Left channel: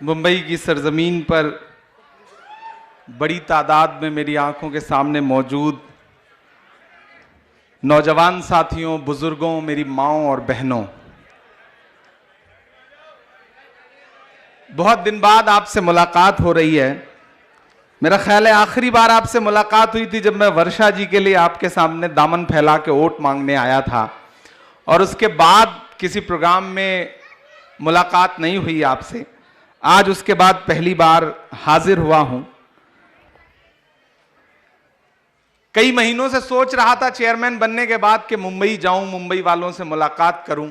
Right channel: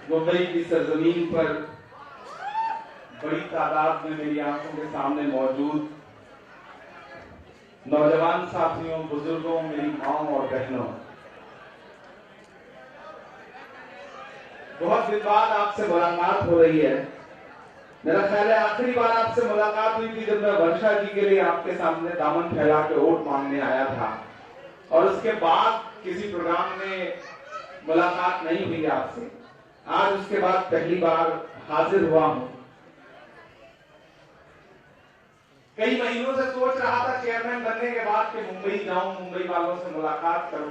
मुंबई की सरजमीन पर बड़ी तादाद में मेरी आंखों के सामने मौजूद नौजवान साथियों, बुजुर्गों, मेरी माँओं और बहनों, बहुत दिन बाद आपसे मुलाकात हो रही है। मेरा ख्याल है आखिरी बार आपसे मुलाकात हुई थी जब मैं वर्षा जी के लिए आपके सामने दामन फैला के वोट मांगने आया था, और उसके बाद किसी प्रोग्राम में मुलाकात नहीं हुई आपसे। आज उसके बाद पहली बार हाजिर हुआ हूं। कई महीनों से सोच रहा था चेयरमैन बनने के बाद कि मुंबई जाऊं, मुंबई वालों से मुलाकात करूं,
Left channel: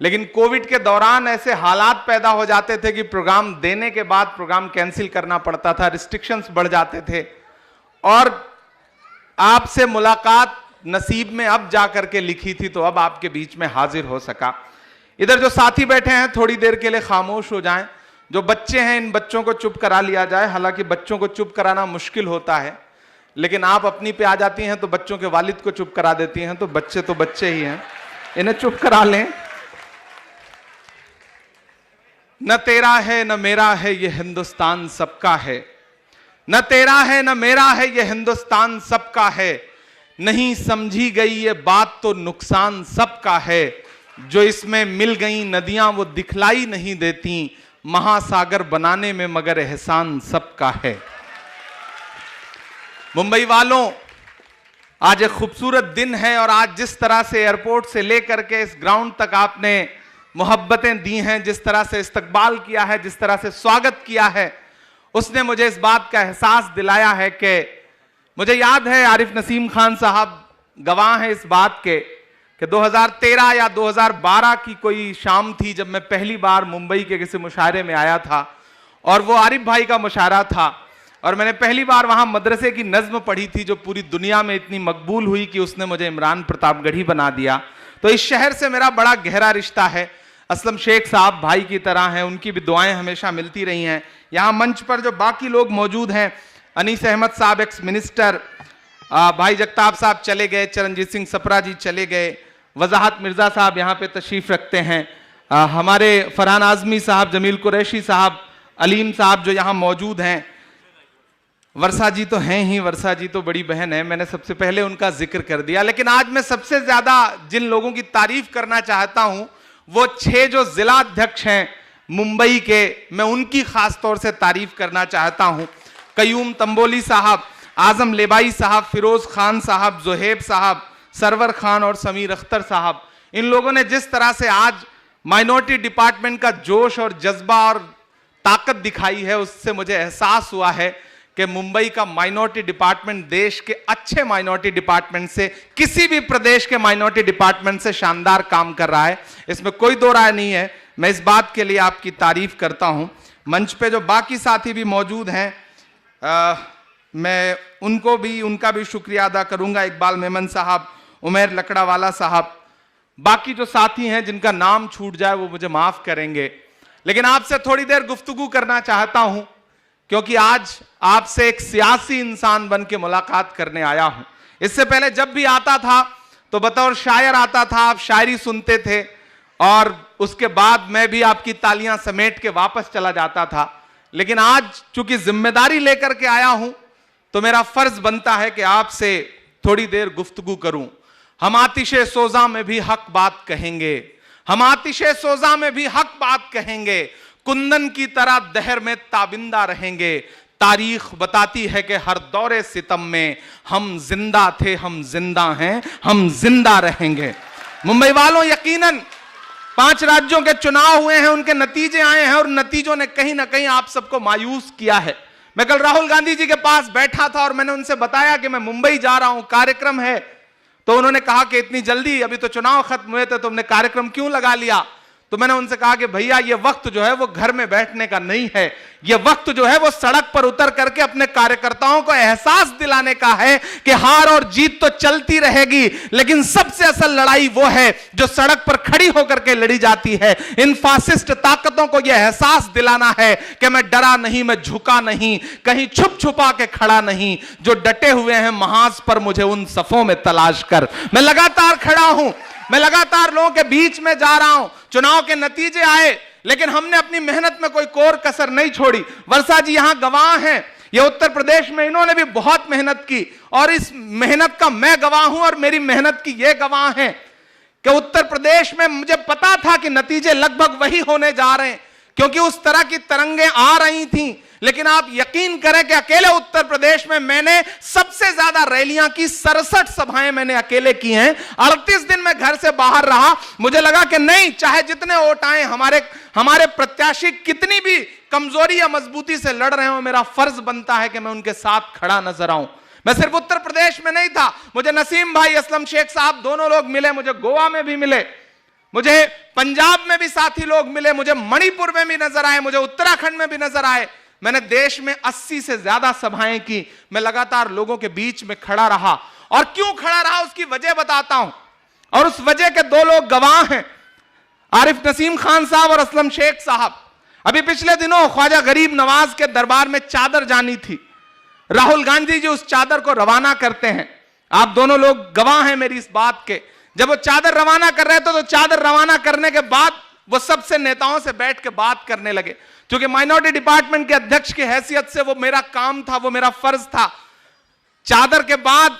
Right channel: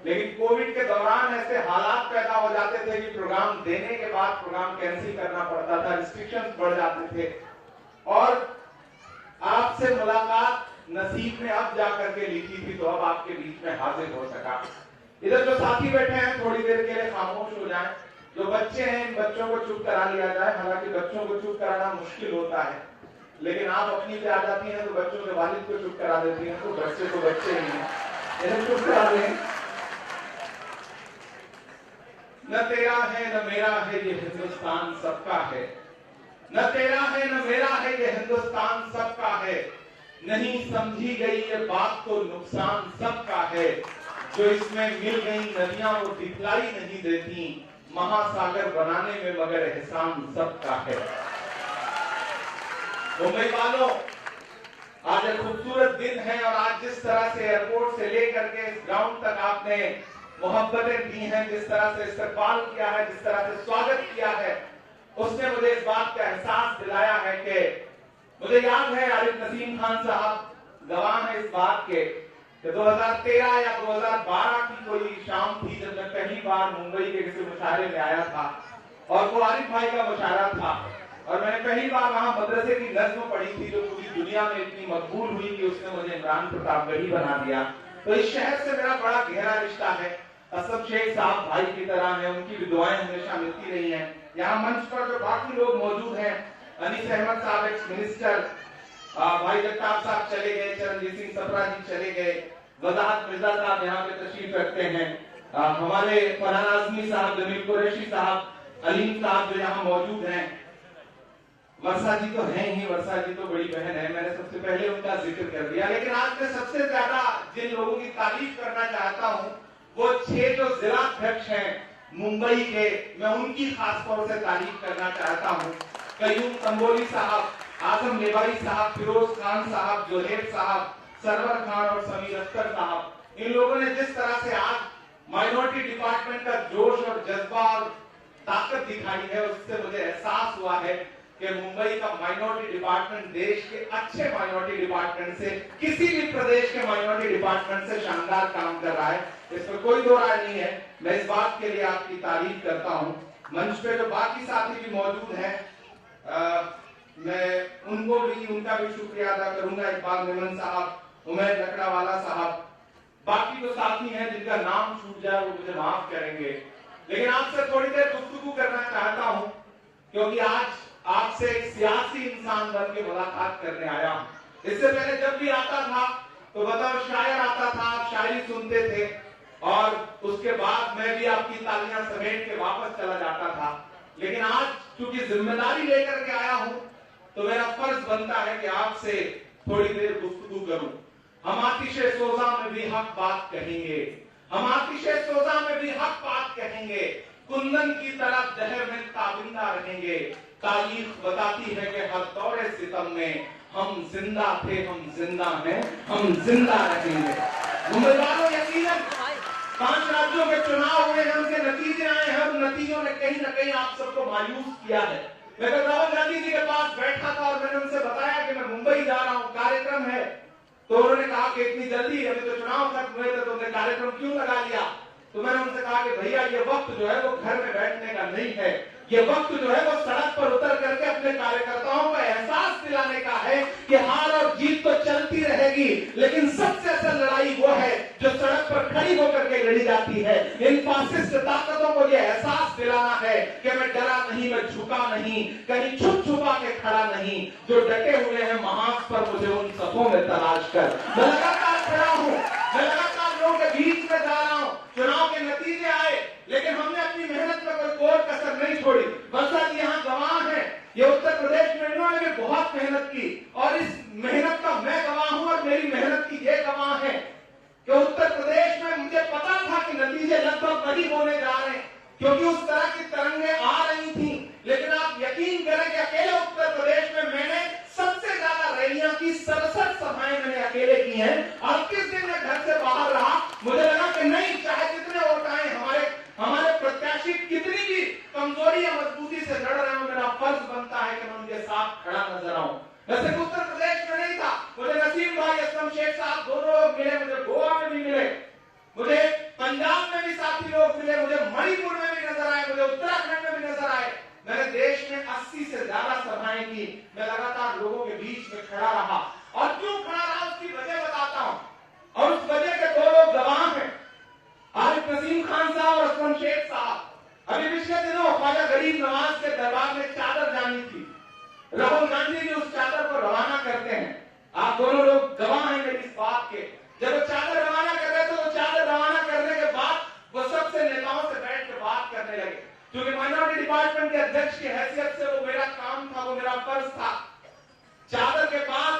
लेकिन कोविड के दौरान ऐसे हालात पैदा हो जाते थे कि प्रोग्राम देने के बाद प्रोग्राम कैंसिल करना पड़ता था, रिस्ट्रिक्शंस बढ़ जाते थे, और आपसे मुलाकात नसीब में अब जाकर के लिखी थी, तो अब आपके बीच में हाजिर हो सका। इधर जो साथी बैठे हैं थोड़ी देर के लिए खामोश हो जाएं। जो बच्चे हैं इन बच्चों को चुप करा लिया जाए। हालांकि बच्चों को चुप कराना मुश्किल होता है, लेकिन आप अपनी पे आ जाती हैं तो बच्चों के वालिद को चुप करा देती हैं, तो बच्चे ही हैं, इन्हें चुप करा लें। न तेरा है न मेरा है ये हिंदुस्तान सबका है, न तेरा है न मेरा है ये हिंदुस्तान सबका है, नहीं समझी गई ये बात तो नुकसान सबका है, जो इसमें मिल गई नदियां वो दिखलाई नहीं देती, महासागर बनाने में मगर एहसान सबका है। मुंबई वालों, आज एक खूबसूरत दिन है, और आज जिस तरह से एयरपोर्ट से लेकर के इस ग्राउंड तक आपने मोहब्बतें दी हैं, जिस तरह से इस्तकबाल किया है, जिस तरह से स्वागत किया है, उसने मुझे इस बात का एहसास दिलाया है कि मुझे याद है आरिफ नसीम खान साहब गवाह हैं इस बात के कि 2013 या 2012 की कोई शाम थी जब मैं पहली बार मुंबई के किसी मुशायरे में आया था, और वो आरिफ भाई का मुशायरा था, और मैंने पहली बार वहां मदरसे की नज्म पढ़ी थी जो पूरी दुनिया में इतनी मकबूल हुई कि उसने मुझे इमरान प्रतापगढ़ी बना दिया। तो इस शहर से मेरा बड़ा गहरा रिश्ता है। असलम शेख साहब भाई की तरह हैं, उनकी भी दुआएं हमेशा मिलती रही हैं। यहाँ मंच पर जो बाकी लोग मौजूद हैं, अनीस अहमद साहब एक्स मिनिस्टर, भाई जगताप साहब चले गए, चरणजीत सिंह सप्रा जी चले गए, वजाहत मिर्जा साहब यहाँ पे तशरीफ रखते हैं, हमारे फरहान आजमी साहब, जमील कुरैशी साहब, अलीम साहब जो यहाँ मौजूद हैं, वर्षा जी तो हैं ही, वर्षा जी तो बड़ी बहन है, मैंने सबसे पहले उनका जिक्र कर दिया। लेकिन आज मैं सबसे ज्यादा जिन लोगों की तारीफ करना चाहता हूं वो 6 जो जिला अध्यक्ष हैं मुंबई के, मैं उनकी खास तौर से तारीफ करना चाहता हूं। कयूम तंबोली साहब, आजम लेबाई साहब, फिरोज खान साहब, जोहेब साहब, सरवर खान और समीर अख्तर साहब, इन लोगों ने जिस तरह से आज माइनॉरिटी डिपार्टमेंट का जोश और जज्बा और ताकत दिखाई है, उससे मुझे एहसास हुआ है कि मुंबई का माइनॉरिटी डिपार्टमेंट देश के अच्छे माइनॉरिटी डिपार्टमेंट से, किसी भी प्रदेश के माइनॉरिटी डिपार्टमेंट से शानदार काम कर रहा है, इसमें कोई दो राय नहीं है। मैं इस बात के लिए आपकी तारीफ करता हूं। मंच पे जो बाकी साथी भी मौजूद हैं, मैं उनका भी शुक्रिया अदा करूंगा। इकबाल मेमन साहब, उमेर लकड़ावाला साहब, बाकी जो साथी हैं जिनका नाम छूट जाए वो मुझे माफ करेंगे। लेकिन आपसे थोड़ी देर गुफ्तगू करना चाहता हूं, क्योंकि आज आपसे एक सियासी इंसान बन के मुलाकात करने आया हूं। इससे पहले जब भी आता था तो बतौर शायर आता था, आप शायरी सुनते थे, और उसके बाद मैं भी आपकी तालियां समेट के वापस चला जाता था। लेकिन आज चूंकि जिम्मेदारी लेकर के आया हूं तो मेरा फर्ज बनता है कि आपसे थोड़ी देर गुफ्तगू करूं। हम आतिशे सोजा में भी हक बात कहेंगे, हम आतिशे सोजा में भी हक बात कहेंगे, कुंदन की तरह दहर में ताबिंदा रहेंगे। तारीख बताती है कि हर दौरे सितम में हम जिंदा थे, हम जिंदा हैं, हम जिंदा रहेंगे। मुंबई वालों, यकीनन 5 राज्यों के चुनाव हुए हैं, उनके नतीजे आए हैं, और नतीजों ने कहीं ना कहीं आप सबको मायूस किया है। मैं कल राहुल गांधी जी के पास बैठा था और मैंने उनसे बताया कि मैं मुंबई जा रहा हूं, कार्यक्रम है, तो उन्होंने कहा कि इतनी जल्दी, अभी तो चुनाव खत्म हुए थे, तुमने कार्यक्रम क्यों लगा लिया? तो मैंने उनसे कहा कि भैया ये वक्त जो है वो घर में बैठने का नहीं है, ये वक्त जो है वो सड़क पर उतर करके अपने कार्यकर्ताओं को एहसास दिलाने का है कि हार और जीत तो चलती रहेगी, लेकिन सबसे असल लड़ाई वो है जो सड़क पर खड़ी होकर के लड़ी जाती है। इन फासिस्ट ताकतों को यह एहसास दिलाना है कि मैं डरा नहीं, मैं झुका नहीं, कहीं छुप छुपा के खड़ा नहीं, जो डटे हुए हैं महाज पर मुझे उन सफों में तलाश कर, मैं लगातार खड़ा हूं। मैं लगातार लोगों के बीच में जा रहा हूं, चुनाव के नतीजे आए लेकिन हमने अपनी मेहनत में कोई कोर कसर नहीं छोड़ी। वर्षा जी यहां गवाह हैं, ये उत्तर प्रदेश में इन्होंने भी बहुत मेहनत की और इस मेहनत का मैं गवाह हूं और मेरी मेहनत की ये गवाह हैं कि उत्तर प्रदेश में मुझे पता था कि नतीजे लगभग वही होने जा रहे हैं क्योंकि उस तरह की तरंगें आ रही थी। लेकिन आप यकीन करें कि अकेले उत्तर प्रदेश में मैंने सबसे ज्यादा रैलियां की, 67 सभाएं मैंने अकेले की हैं। 38 दिन मैं घर से बाहर रहा। मुझे लगा कि नहीं, चाहे जितने वोट आए, हमारे प्रत्याशी कितनी भी कमजोरी या मजबूती से लड़ रहे हो, मेरा फर्ज बनता है कि मैं उनके साथ खड़ा नजर आऊं। मैं सिर्फ उत्तर प्रदेश में नहीं था, मुझे नसीम भाई, असलम शेख साहब दोनों लोग मिले, मुझे गोवा में भी मिले, मुझे पंजाब में भी साथी लोग मिले, मुझे मणिपुर में भी नजर आए, मुझे उत्तराखंड में भी नजर आए। मैंने देश में 80 से ज्यादा सभाएं की। मैं लगातार लोगों के बीच में खड़ा रहा और क्यों खड़ा रहा उसकी वजह बताता हूं और उस वजह के दो लोग गवाह हैं, आरिफ नसीम खान साहब और असलम शेख साहब। अभी पिछले दिनों ख्वाजा गरीब नवाज के दरबार में चादर जानी थी, राहुल गांधी जी उस चादर को रवाना करते हैं। आप दोनों लोग गवाह हैं मेरी इस बात के। जब वो चादर रवाना कर रहे थे तो चादर रवाना करने के बाद वो सबसे नेताओं से बैठ के बात करने लगे। क्योंकि माइनॉरिटी डिपार्टमेंट के अध्यक्ष की हैसियत से वो मेरा काम था, वो मेरा फर्ज था। चादर के बाद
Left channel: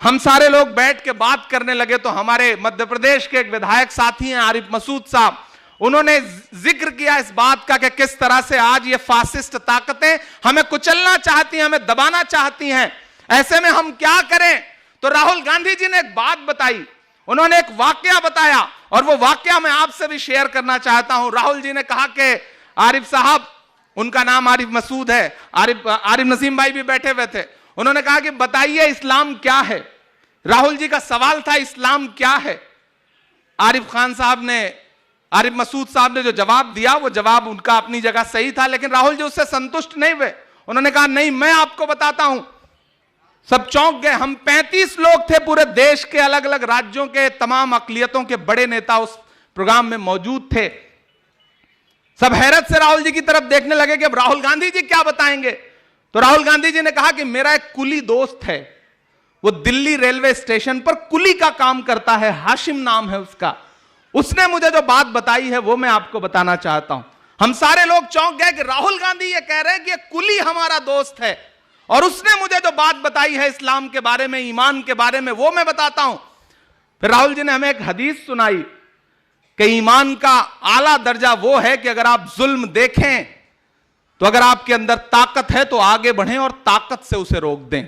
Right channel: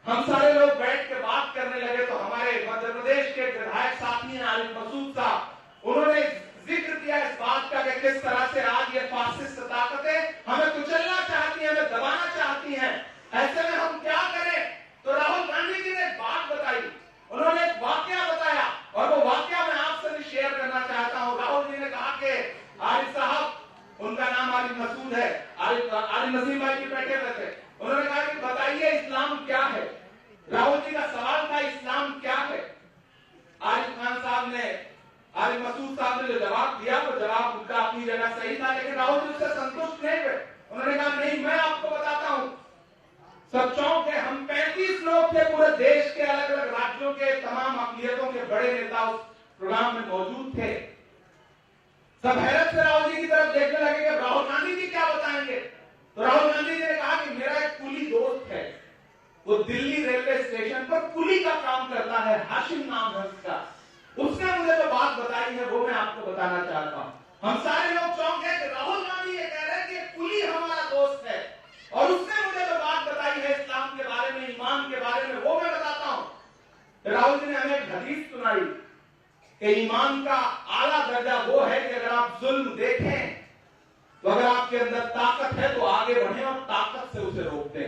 हम सारे लोग बैठ के बात करने लगे तो हमारे मध्य प्रदेश के एक विधायक साथी हैं आरिफ मसूद साहब, उन्होंने जिक्र किया इस बात का कि किस तरह से आज ये फासिस्ट ताकतें हमें कुचलना चाहती हैं, हमें दबाना चाहती हैं, ऐसे में हम क्या करें। तो राहुल गांधी जी ने एक बात बताई, उन्होंने एक वाकया बताया और वो वाकया मैं आपसे भी शेयर करना चाहता हूं। राहुल जी ने कहा कि आरिफ साहब, उनका नाम आरिफ मसूद है, आरिफ नसीम भाई भी बैठे हुए थे, उन्होंने कहा कि बताइए इस्लाम क्या है। राहुल जी का सवाल था इस्लाम क्या है। आरिफ खान साहब ने, आरिफ मसूद साहब ने जो जवाब दिया वो जवाब उनका अपनी जगह सही था, लेकिन राहुल जी उससे संतुष्ट नहीं हुए। उन्होंने कहा नहीं, मैं आपको बताता हूं। सब चौंक गए। हम 35 लोग थे, पूरे देश के अलग अलग राज्यों के तमाम अकलियतों के बड़े नेता उस प्रोग्राम में मौजूद थे। सब हैरत से राहुल जी की तरफ देखने लगे कि अब राहुल गांधी जी क्या बताएंगे। तो राहुल गांधी जी ने कहा कि मेरा एक कुली दोस्त है, वो दिल्ली रेलवे स्टेशन पर कुली का काम करता है, हाशिम नाम है उसका, उसने मुझे जो बात बताई है वो मैं आपको बताना चाहता हूं। हम सारे लोग चौंक गए कि राहुल गांधी ये कह रहे हैं कि ये कुली हमारा दोस्त है और उसने मुझे जो बात बताई है इस्लाम के बारे में, ईमान के बारे में, वो मैं बताता हूं। फिर राहुल जी ने हमें एक हदीस सुनाई कि ईमान का आला दर्जा वो है कि अगर आप जुल्म देखें तो अगर आपके अंदर ताकत है तो आगे बढ़ें और ताकत से उसे रोक दें।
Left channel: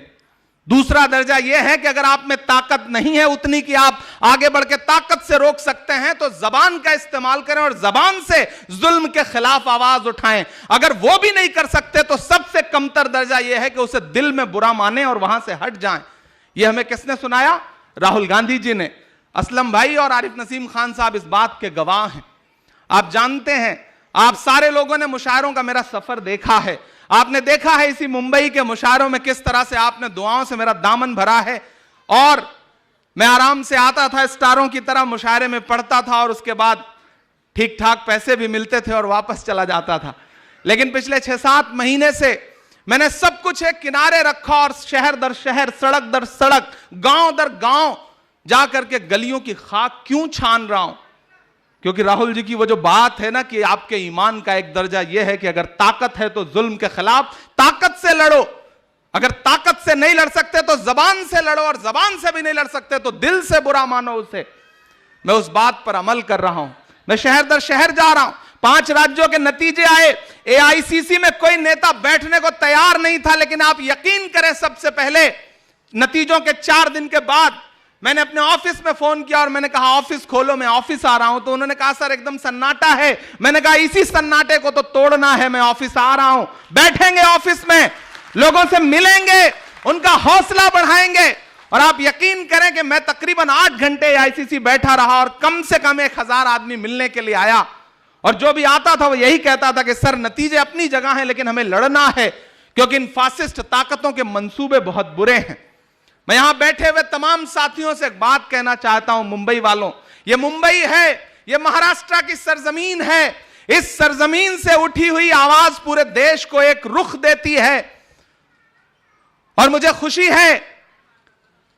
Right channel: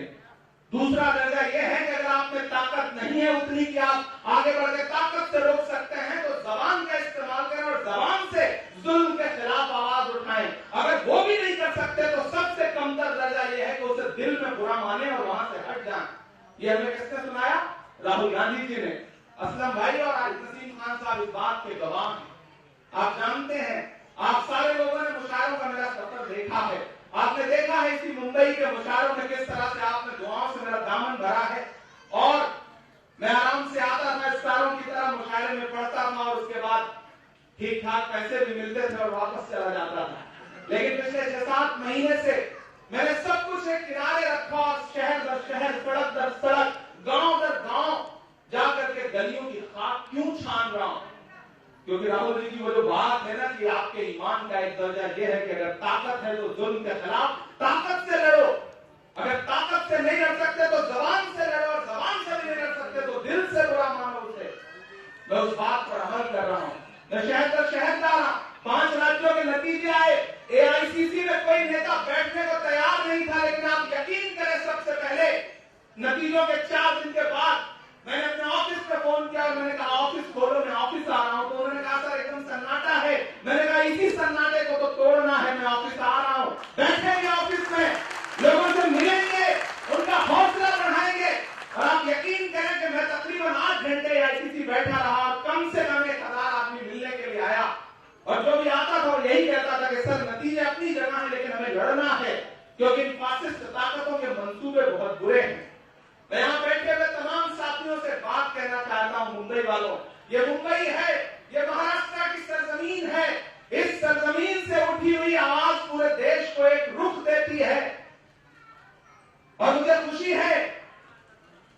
दूसरा दर्जा यह है कि अगर आप में ताकत नहीं है उतनी कि आप आगे बढ़ के ताकत से रोक सकते हैं तो जबान का इस्तेमाल करें और जबान से जुल्म के खिलाफ आवाज उठाएं। अगर वो भी नहीं कर सकते तो सबसे कमतर दर्जा यह है कि उसे दिल में बुरा माने और वहां से हट जाएं। यह हमें किसने सुनाया? राहुल गांधी जी ने। असलम भाई और आरिफ नसीम खान साहब इस बात के गवाह हैं। आप जानते हैं, आप सारे लोगों ने मुशायरों का मेरा सफर देखा है, आपने देखा है इसी मुंबई के मुशायरों में किस तरह से आपने दुआओं से मेरा दामन भरा है और मैं आराम से आता था, स्टारों की तरह मुशायरे में पढ़ता था और उसके बाद ठीक ठाक पैसे भी मिलते थे और वापस चला जाता था। लेकिन पिछले 6-7 महीने से मैंने सब कुछ एक किनारे रखा और शहर दर शहर, सड़क दर सड़क, गांव दर गांव जाकर के गलियों की खाक क्यों छान रहा हूं? क्योंकि राहुल जी की वो जो बात है ना कि आपके ईमान का एक दर्जा यह है कि अगर ताकत है तो जुल्म के खिलाफ ताकत से लड़ो, अगर ताकत से नहीं लड़ सकते तो जबान से लड़ो और जबान से भी नहीं लड़ सकते तो दिल से बुरा मानो उसे। मैं उस बात पर अमल कर रहा हूं। मैं शहर दर शहर जा रहा हूं। 5 राज्यों के नतीजे आए, एआईसीसी में कोई नेता बैठने को तैयार नहीं था, लेकिन आप यकीन करें सबसे पहले नतीजों के 4 दिन के बाद मैंने अपने ऑफिस में फोन किया और मैंने कहा ऑफिस खोलो, मैं ऑफिस आ रहा हूं। तो उन्होंने कहा सर एकदम सन्नाटा है। मैंने कहा इसी सन्नाटे को तो तोड़ना है, मैं ऑफिस आ रहा हूं। बैठेंगे ऑफिस में, लोगों से मिलेंगे, उनका हौसला बढ़ाएंगे और आप यकीन करें कि मैं तकरीबन 8 घंटे आईसीसी बैठा रहा और कम से कम 1000 आदमी मिलने के लिए आया और जो भी आता था वो यही कहता था कि सर नतीजे अपनी जगह हैं लेकिन हमें लड़ना है क्योंकि इन फासिस्ट ताकतों के मंसूबे बहुत बुरे हैं। मैं यहां बैठे हुए तमाम साथियों से एक बात कहना चाहता हूं, मुंबई वालों, ये मुंबई है, ये महाराष्ट्र की सरजमीन है। इस सरजमीन से उठी हुई आवाज पूरे देश को एक रुख देती है और मुझे खुशी है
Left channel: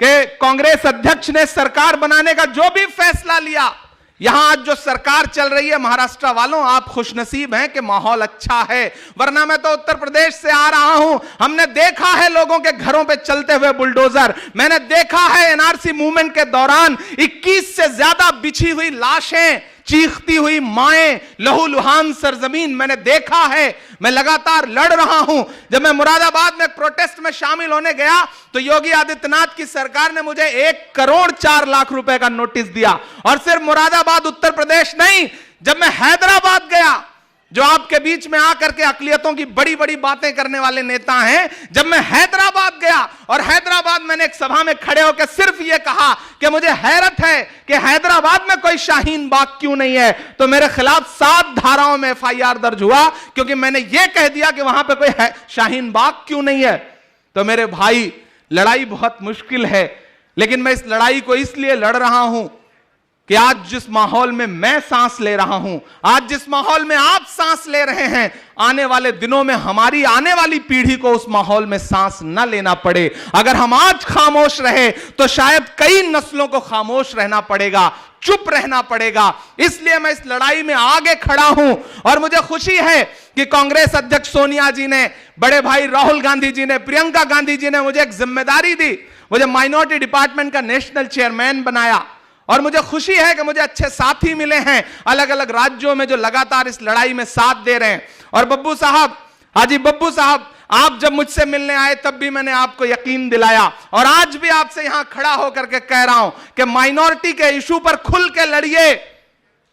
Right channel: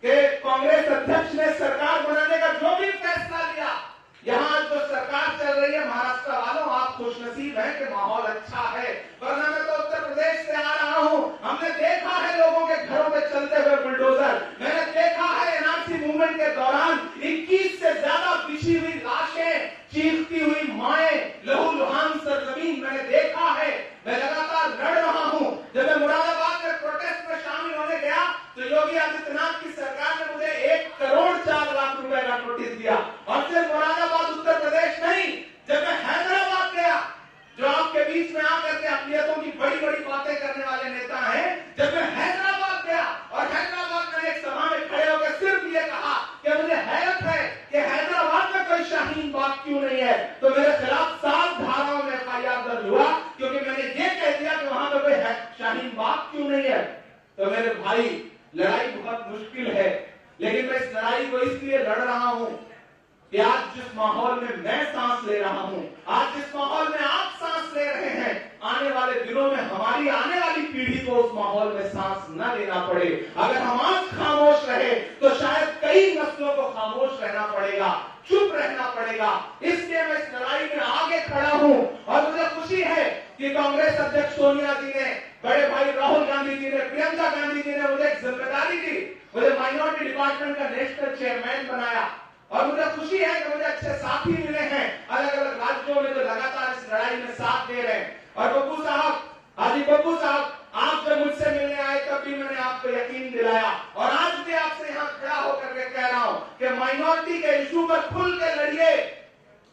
कि कांग्रेस अध्यक्ष ने सरकार बनाने का जो भी फैसला लिया, यहां आज जो सरकार चल रही है महाराष्ट्र वालों, आप खुशनसीब हैं कि माहौल अच्छा है, वरना मैं तो उत्तर प्रदेश से आ रहा हूं। हमने देखा है लोगों के घरों पे चलते हुए बुलडोजर, मैंने देखा है एनआरसी मूवमेंट के दौरान 21 से ज्यादा बिछी हुई लाशें, चीखती हुई माएं, लहूलुहान सरजमीन मैंने देखा है। मैं लगातार लड़ रहा हूं। जब मैं मुरादाबाद में प्रोटेस्ट में शामिल होने गया तो योगी आदित्यनाथ की सरकार ने मुझे 1,04,00,000 रुपए का नोटिस दिया। और सिर्फ मुरादाबाद उत्तर प्रदेश नहीं, जब मैं हैदराबाद गया, जो आपके बीच में आकर के अकलियतों की बड़ी बड़ी बातें करने वाले नेता हैं, जब मैं हैदराबाद गया और हैदराबाद मैंने एक सभा में खड़े होकर सिर्फ यह कहा कि मुझे हैरत है कि हैदराबाद में कोई शाहीन बाग क्यों नहीं है, तो मेरे खिलाफ 7 धाराओं में एफआईआर दर्ज हुआ, क्योंकि मैंने यह कह दिया कि वहां पे कोई शाहीन बाग क्यों नहीं है। तो मेरे भाई, लड़ाई बहुत मुश्किल है, लेकिन मैं इस लड़ाई को इसलिए लड़ रहा हूं कि आज जिस माहौल में मैं सांस ले रहा हूं, आज जिस माहौल में आप सांस ले रहे हैं, आने वाले दिनों में हमारी आने वाली पीढ़ी को उस माहौल में सांस न लेना पड़े। अगर हम आज खामोश रहे तो शायद कई नस्लों को खामोश रहना पड़ेगा, चुप रहना पड़ेगा। इसलिए मैं इस लड़ाई में आगे खड़ा हूं और मुझे खुशी है कि कांग्रेस अध्यक्ष सोनिया जी ने, बड़े भाई राहुल गांधी जी ने, प्रियंका गांधी जी ने मुझे एक जिम्मेदारी दी, मुझे माइनॉरिटी डिपार्टमेंट का नेशनल चेयरमैन बनाया। और मुझे खुशी है कि मुझे अच्छे साथी मिले हैं अलग अलग राज्यों में जो लगातार इस लड़ाई में साथ दे रहे हैं। और बब्बू साहब, हाजी बब्बू साहब, आप जब मुझसे मिलने आए तब भी मैंने आपको यकीन दिलाया, और आज भी आपसे यहां खड़ा होकर के कह रहा हूं कि माइनॉरिटी के इशू पर खुल के लड़िए।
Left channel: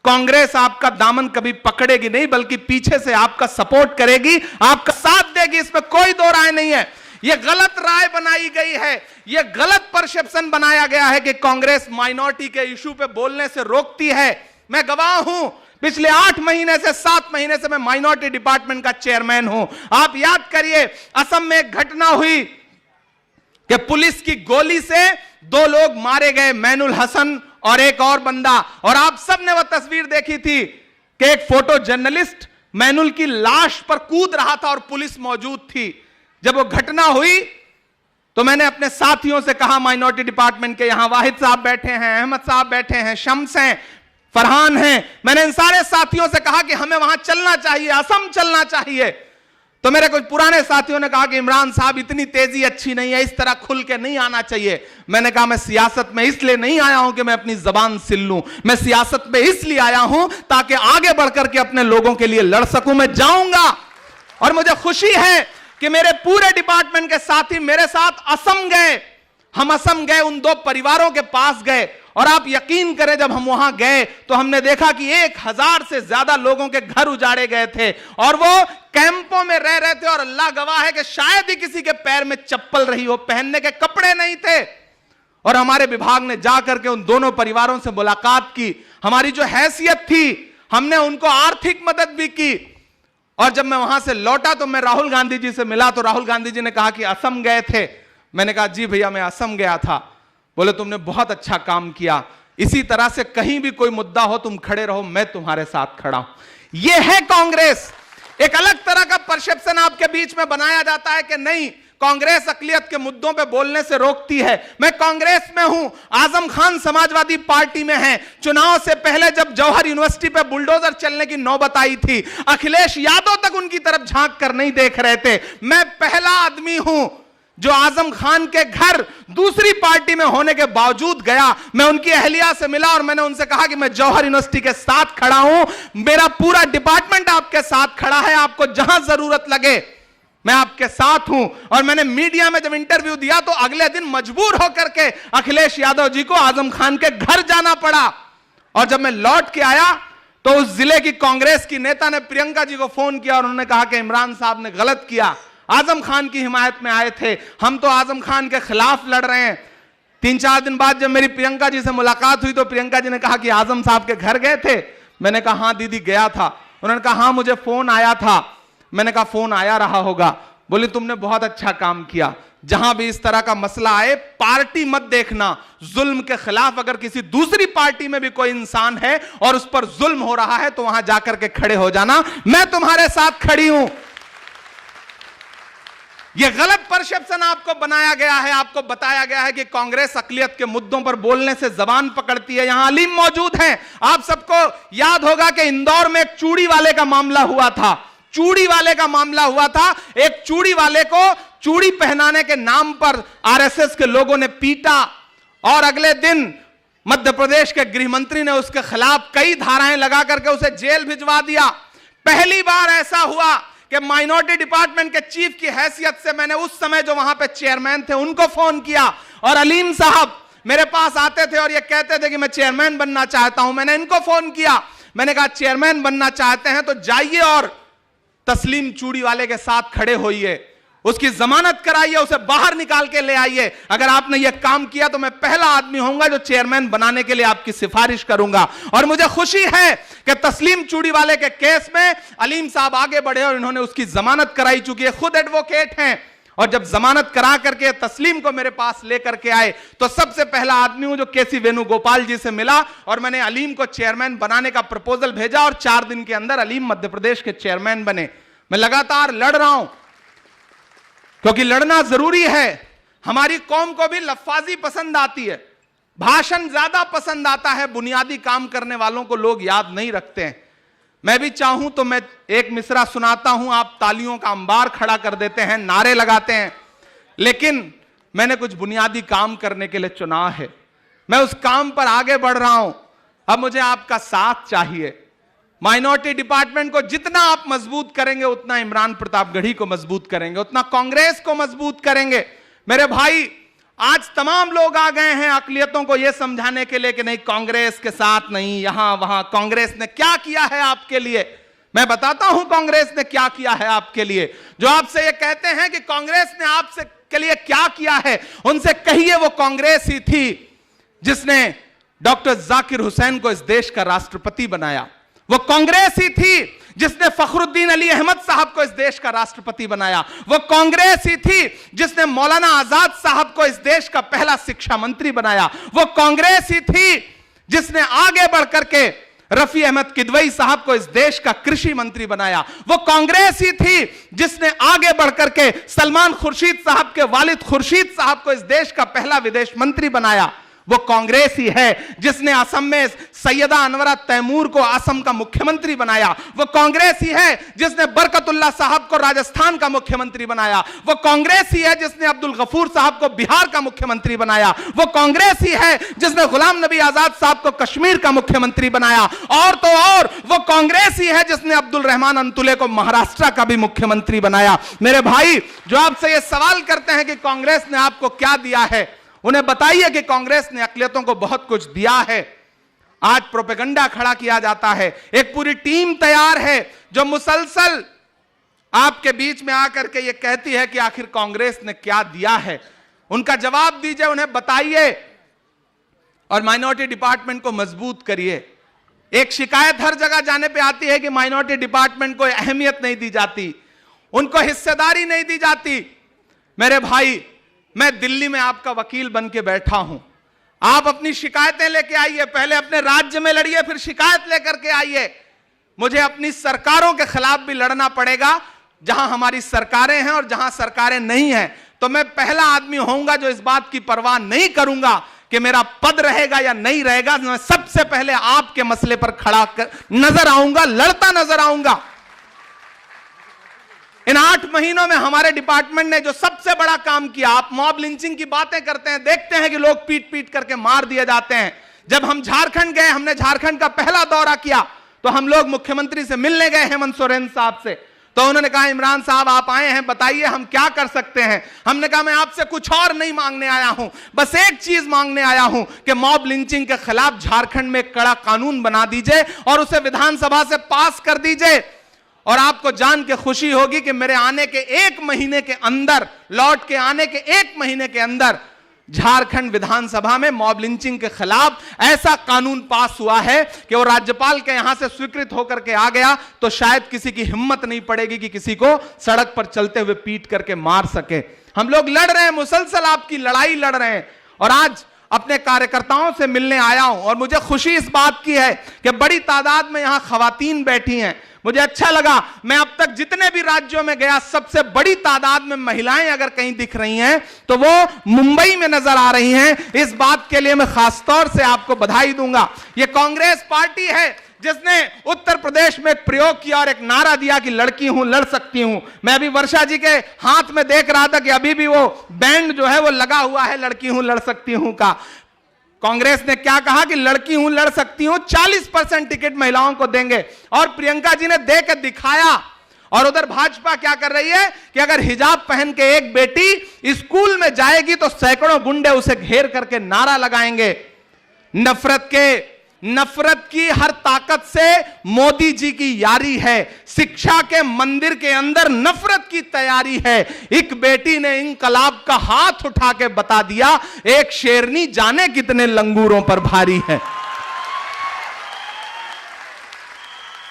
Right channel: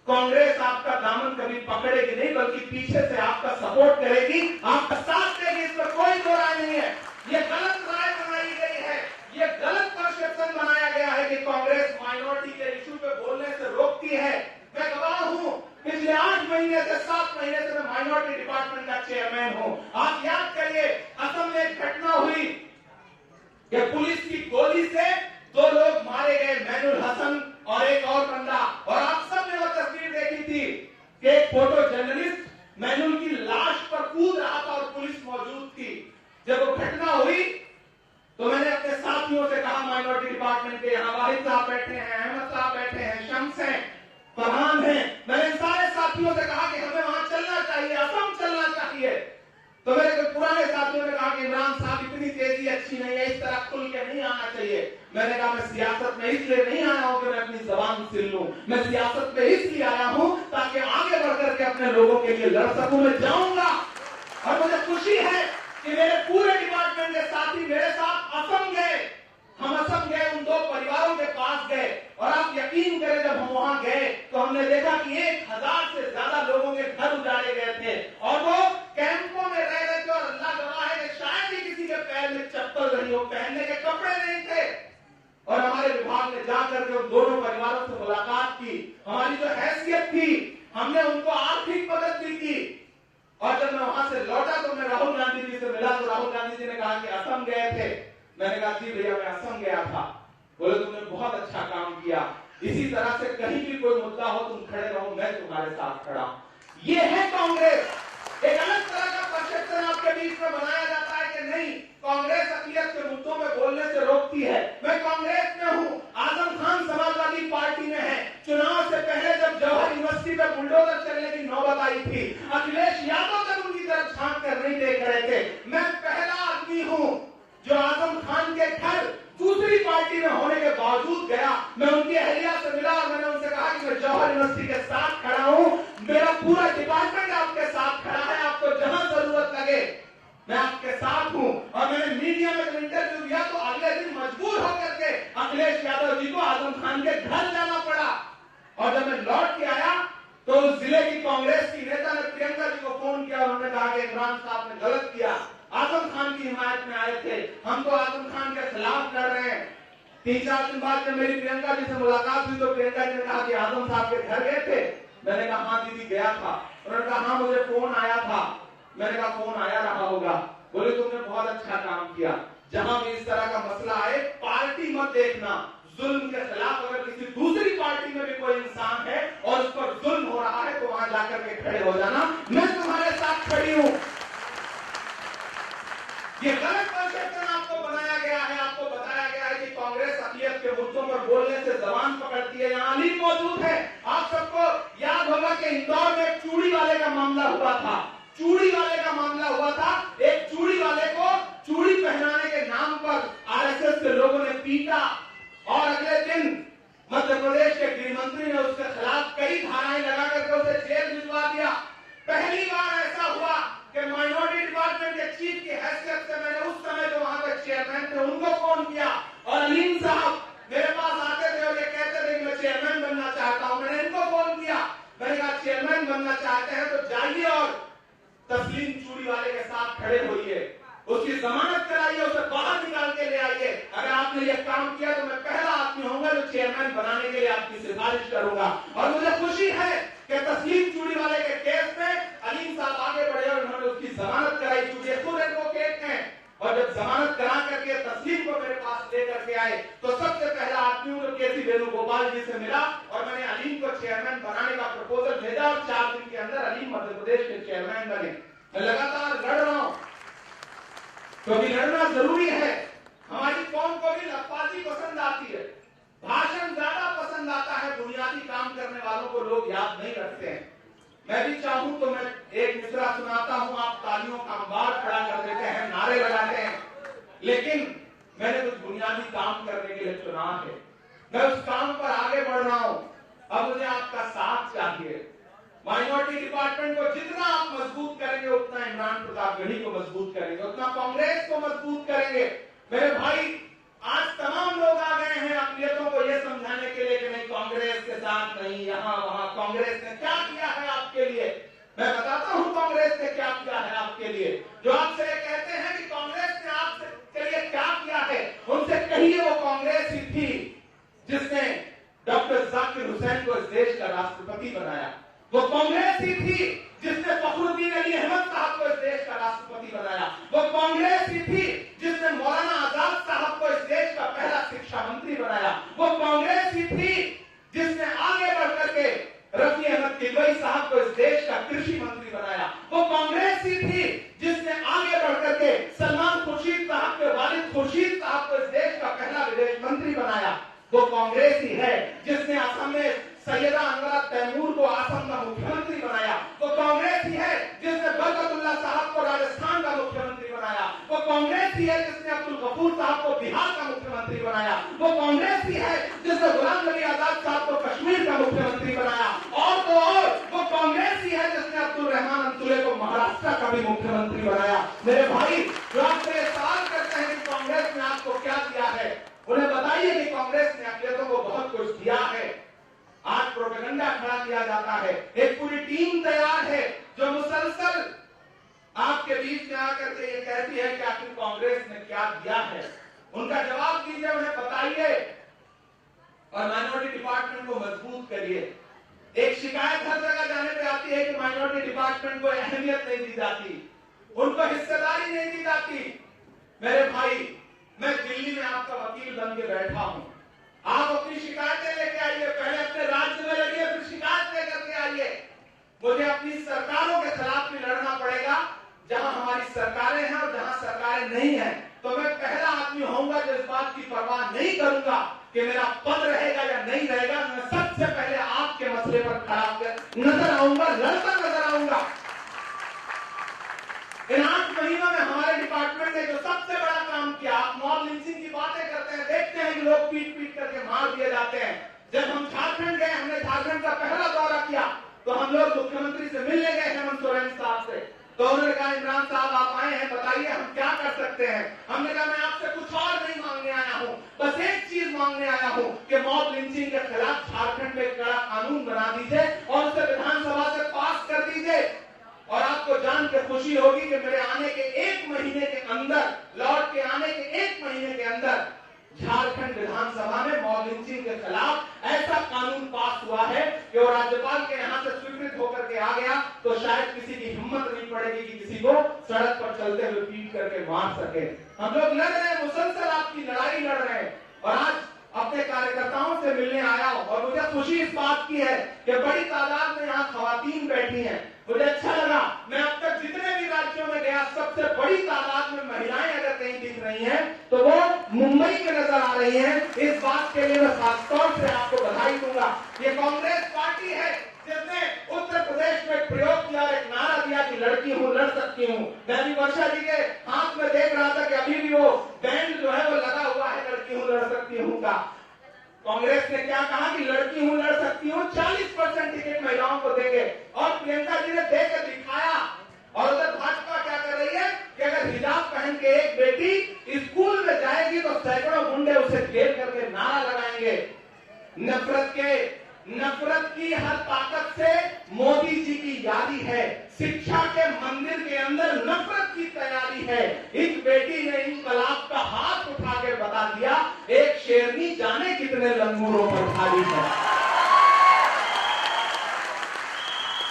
कांग्रेस आपका दामन कभी पकड़ेगी नहीं, बल्कि पीछे से आपका सपोर्ट करेगी, आपका साथ देगी, इसमें कोई दो राय नहीं है। यह गलत राय बनाई गई है, यह गलत परसेप्शन बनाया गया है कि कांग्रेस माइनॉरिटी के इशू पे बोलने से रोकती है। मैं गवाह हूं, पिछले 8 महीने से 7 महीने से मैं माइनॉरिटी डिपार्टमेंट का चेयरमैन हूं। आप याद करिए, असम में एक घटना हुई कि पुलिस की गोली से 2 लोग मारे गए, मैनुल हसन और एक और बंदा, और आप सबने वह तस्वीर देखी थी कि एक फोटो जर्नलिस्ट मैनुल की लाश पर कूद रहा था और पुलिस मौजूद थी। जब वो घटना हुई तो मैंने अपने साथियों से कहा, माइनॉरिटी डिपार्टमेंट के यहां वाहिद साहब बैठे हैं, अहमद साहब बैठे हैं, शम्स हैं, फरहान हैं, मैंने इन सारे साथियों से कहा कि हमें वहां चलना चाहिए, असम चलना चाहिए। तो मेरे कुछ पुराने साथियों ने कहा कि इमरान साहब इतनी तेजी अच्छी नहीं है, इस तरह खुल के नहीं आना चाहिए। मैंने कहा मैं सियासत में इसलिए नहीं आया हूं कि मैं अपनी जबान सिल लूं, मैं सियासत में इसलिए आया हूं ताकि आगे बढ़कर के अपने लोगों के लिए लड़ सकूं। मैं जाऊंगा और मुझे खुशी है कि मेरे पूरे डिपार्टमेंट के साथी मेरे साथ असम गए। हम असम गए, उन 2 परिवारों के पास गए, और आप यकीन करें जब हम वहां गए तो हमने देखा कि 1000 से ज्यादा लोगों के घर उजाड़े गए थे और वो कैंपों में रह रहे थे, और अल्लाह गवाह है कि शायद ही किसी के पैर में चप्पल रही हो, पहनने के कपड़े नहीं थे। और हमारे विभाग ने जाकर के उन दोनों परिवारों से मुलाकात की, हमारी जो हैसियत थी हमने उनको आर्थिक मदद भी की। और जब मैं वहां से लौटा तो मैं राहुल गांधी जी से मिला, तो राहुल गांधी जी ने कहा कि असम गए थे। मैंने कहा जी भैया मैं असम गया था। बोले तुमने बहुत अच्छा काम किया, इसी तरह से कहीं भी कोई मुद्दा हो तुम खड़े रहो, मैं तुम्हारे साथ खड़ा हूं। यह है कांग्रेस। एक अलग तरह का परसेप्शन आपके बीच में बनाया जाता है कि नहीं, कांग्रेस अकलियत के मुद्दों पे बोलने से रोकती है। मैं कांग्रेस में हूं, आजम खान समाजवादी पार्टी में है। चुनाव से पहले जब जौहर यूनिवर्सिटी पे बुलडोजर चलने की नौबत आई थी, अखिलेश यादव तक उनकी तरफ झांक कर नहीं देख रहे थे। मैं पहला आदमी हूं जो आजम खान के घर दूसरी पार्टी में होने के बावजूद गया। मैं उनकी अहलिया से मिला और मैंने उनसे कहा कि मैं जौहर यूनिवर्सिटी के साथ खड़ा हूं, मेरा पूरा डिपार्टमेंट आपके साथ खड़ा है, आपको जहां जरूरत लगे मैं आपके साथ हूं। और मैंने मीडिया में जब इंटरव्यू दिया तो अगले दिन मजबूर होकर के अखिलेश यादव जी को आजम खान के घर जाना पड़ा। और जब मैं लौट के आया तो उस जिले की कांग्रेस की नेता ने प्रियंका जी को फोन किया और उन्होंने कहा कि इमरान साहब ने गलत किया, आजम खान की हिमायत में आए थे, हम तो आजम खान के खिलाफ लड़ रहे हैं। 3-4 दिन बाद जब मेरी प्रियंका जी से मुलाकात हुई तो प्रियंका जी ने कहा कि आजम साहब के घर गए थे। मैंने कहा हाँ दीदी गया था। उन्होंने कहा हाँ मुझे फोन आया था। मैंने कहा फोन आया रहा होगा। बोले तुमने बहुत अच्छा काम किया। जहां भी इस तरह का मसला आए पार्टी मत देखना, जुल्म के खिलाफ अगर किसी दूसरी पार्टी में भी कोई इंसान है और उस पर जुल्म हो रहा है तो वहां जाकर के खड़े हो जाना। मैं तुम्हारे साथ खड़ी हूं। यह गलत परसेप्शन आपको बनाया गया है। आपको बताया गया है कि कांग्रेस अकलियत के मुद्दों पर बोलने से जबान पकड़ती है। यहां अलीम मौजूद हैं। आप सबको याद होगा कि इंदौर में एक चूड़ी वाले का मामला हुआ था। चूड़ी वाले का मामला हुआ था। एक चूड़ी वाले को चूड़ी पहनाने के नाम पर आरएसएस के लोगों ने पीटा और अगले दिन मध्य प्रदेश के गृह मंत्री ने उसके खिलाफ कई धाराएं लगा करके उसे जेल भिजवा दिया। पहली बार ऐसा हुआ कि माइनॉरिटी डिपार्टमेंट के चीफ की हैसियत से मैंने उस समय जो वहां पे चेयरमैन थे उनको फोन किया और अलीम साहब मेरे पास आते थे और ये कहते थे कि मैं चेयरमैन बनना चाहता हूं। मैंने इनको फोन किया, मैंने कहा चेयरमैन बनना चाहते हैं तो जाइए और तस्लीम चूड़ी वाले के साथ खड़े होइए, उसकी जमानत कराइए, उसे बाहर निकाल के ले आइए। अगर आपने यह काम किया तो मैं पहला आदमी होऊंगा जो चेयरमैन बनाने के लिए आपकी सिफारिश करूंगा। और मुझे खुशी है कि तस्लीम चूड़ी वाले के केस में अलीम साहब आगे बढ़े और इन्होंने उसकी जमानत कराई, चूंकि ये खुद एडवोकेट हैं। और जब जमानत करा करके तस्लीम को मेरे पास लेकर के आए तो सबसे पहला आदमी हूं जो केसी वेणुगोपाल जी से मिला और मैंने अलीम को चेयरमैन बनाने का प्रपोजल भेजा और 4 दिन के अंदर अलीम मध्य प्रदेश के चेयरमैन बने। मैं लगातार लड़ रहा हूं क्योंकि लड़ना जरूरी है। हमारी कौम को भी लफ्फाजी पसंद आती है, भाषण ज्यादा पसंद आता है, बुनियादी काम करने वालों को लोग याद नहीं रखते हैं। मैं भी चाहूं तो मैं एक मिसरा सुनाता हूं, आप तालियों का अंबार खड़ा कर देते हैं, नारे लगाते हैं, लेकिन मैंने कुछ बुनियादी काम करने के लिए चुना है। मैं उस काम पर आगे बढ़ रहा हूं। अब मुझे आपका साथ चाहिए। माइनॉरिटी डिपार्टमेंट को जितना आप मजबूत करेंगे उतना इमरान प्रतापगढ़ी को मजबूत करेंगे, उतना कांग्रेस को मजबूत करेंगे। मेरे भाई आज तमाम लोग आ गए हैं अकलियतों को यह समझाने के लिए कि नहीं कांग्रेस के साथ नहीं, यहां वहां। कांग्रेस ने क्या किया है आपके लिए? मैं बताता हूं कांग्रेस ने क्या किया है आपके लिए। जो आपसे ये कहते हैं कि कांग्रेस ने आपसे के लिए क्या किया है, उनसे कहिए वो कांग्रेस ही थी जिसने डॉक्टर जाकिर हुसैन को इस देश का राष्ट्रपति बनाया। वो कांग्रेस ही थी जिसने फखरुद्दीन अली अहमद साहब को इस देश का राष्ट्रपति बनाया। वो कांग्रेस ही थी जिसने मौलाना आजाद साहब को इस देश का पहला शिक्षा मंत्री बनाया। वो कांग्रेस ही थी जिसने आगे बढ़कर के रफी अहमद किदवई साहब को इस देश का कृषि मंत्री बनाया। वो कांग्रेस ही थी जिसने आगे बढ़कर के सलमान खुर्शीद साहब के वालिद खुर्शीद साहब को इस देश का पहला विदेश मंत्री बनाया। वो कांग्रेस ही है जिसने असम में सैयदा अनवरा तैमूर को असम का मुख्यमंत्री बनाया। वो कांग्रेस ही है जिसने बरकतुल्लाह साहब को राजस्थान का मुख्यमंत्री बनाया। वो कांग्रेस ही है जिसने अब्दुल गफूर साहब को बिहार का मुख्यमंत्री बनाया। वो कांग्रेस ही है जिसने गुलाम नबी आजाद साहब को कश्मीर का मुख्यमंत्री बनाया। और तो और वो कांग्रेस ही है जिसने अब्दुल रहमान अंतुले को महाराष्ट्र का भी मुख्यमंत्री बनाया। मेरे भाई जो आपसे ये सवाल करते हैं कि कांग्रेस ने आपको क्या दिया है, उन्हें बताइए कि कांग्रेस ने अकलियतों को बहुत कुछ दिया है। आज प्रोपेगेंडा खड़ा किया जाता है, एक पूरी टीम तैयार है जो मुसलसल आपके बीच में आकर के ये कहती है कि आखिर कांग्रेस ने क्या दिया है। उनका जवाब दीजिए, उन्हें बताइए और माइनॉरिटी डिपार्टमेंट को मजबूत करिए। एक शिकायत हर जगह जाने पे आती है कि माइनॉरिटी डिपार्टमेंट को अहमियत नहीं दी जाती, उनको हिस्सेदारी नहीं दी जाती। मेरे भाई मैं दिल्ली में आपका वकील बन के बैठा हूं, आप अपनी शिकायतें लेके आइए, पहले अपने राज्य में लड़िए फिर शिकायत लेकर के आइए। मुझे अपनी सरकारों के खिलाफ भी लड़ना पड़ेगा जहां हमारी सरकारें हैं और जहां सरकारें नहीं हैं। तो मैं पहला आदमी होऊंगा जो इस बात की परवाह नहीं करूंगा कि मेरा पद रहेगा या नहीं रहेगा। मैं सबसे पहले आपके मसले पर खड़ा नजर आऊंगा, लड़ता नजर आऊंगा। इन 8 महीनों में हमारे डिपार्टमेंट ने जो सबसे बड़ा काम किया, आप मॉब लिंचिंग की बातें करते हैं, देखते हैं कि लोग पीट पीट करके मार दिए जाते हैं। जब हम झारखंड गए, हमने झारखंड का पहला दौरा किया तो हम लोग मुख्यमंत्री से मिलने गए हेमंत सोरेन साहब से। तो उन्होंने कहा इमरान साहब आप आए हैं, बताइए हम क्या कर सकते हैं। हमने कहा मैं आपसे कुछ और नहीं मांगने आया हूं, बस एक चीज मांगने आया हूं कि मॉब लिंचिंग के खिलाफ झारखंड में कड़ा कानून बना दीजिए और उसे विधानसभा से पास कर दीजिए। और आपको जान के खुशी होगी कि मेरे आने के 1 महीने के अंदर, लौट के आने के 1 महीने के अंदर झारखंड विधानसभा में मॉब लिंचिंग के खिलाफ ऐसा कानून पास हुआ है कि वो राज्यपाल के यहां से स्वीकृत होकर के आ गया तो शायद किसी की हिम्मत नहीं पड़ेगी कि किसी को सड़क पर चलते हुए पीट करके मार सके। हम लोग लड़ रहे हैं, मुसलसल आपकी लड़ाई लड़ रहे हैं। और आज अपने कार्यकर्ताओं से मिलने आया हूं और मुझे खुशी इस बात की है कि बड़ी तादाद में यहां खवातीन बैठी हैं। मुझे अच्छा लगा, मैं अब तक जितने भी राज्यों में गया सबसे बड़ी तादाद में महिलाएं अगर कहीं दिख रही हैं तो वो मुंबई में नजर आ रही हैं। इस बात के लिए मैं खासतौर से आपको बधाई दूंगा। ये कांग्रेस पार्टी है जिसने उत्तर प्रदेश में एक प्रयोग किया और एक नारा दिया कि लड़की हूं लड़ सकती हूं। मैं अभी वर्षा जी के हाथ में देख रहा था कि अभी भी वो बैंड जो है वो लगा हुआ है लड़की हूं लड़ सकती हूं का। कांग्रेस ने क्या कहा कि लड़की हूं लड़ सकती हूं, 40% टिकट महिलाओं को देंगे और प्रियंका जी ने दे के दिखाया। और उधर भाजपा क्या कर रही है कि अगर हिजाब पहन के एक बेटी स्कूल में जाएगी तो सैकड़ों गुंडे उसे घेर करके नारा लगाएंगे। नफरत की हर ताकत से मोदी जी की यारी है। शिक्षा के मंदिर के अंदर नफरत की तैयारी है। एक बेटी ने इंकलाब का हाथ उठा के बता दिया, एक शेरनी जाने कितने लंगूरों पर भारी है।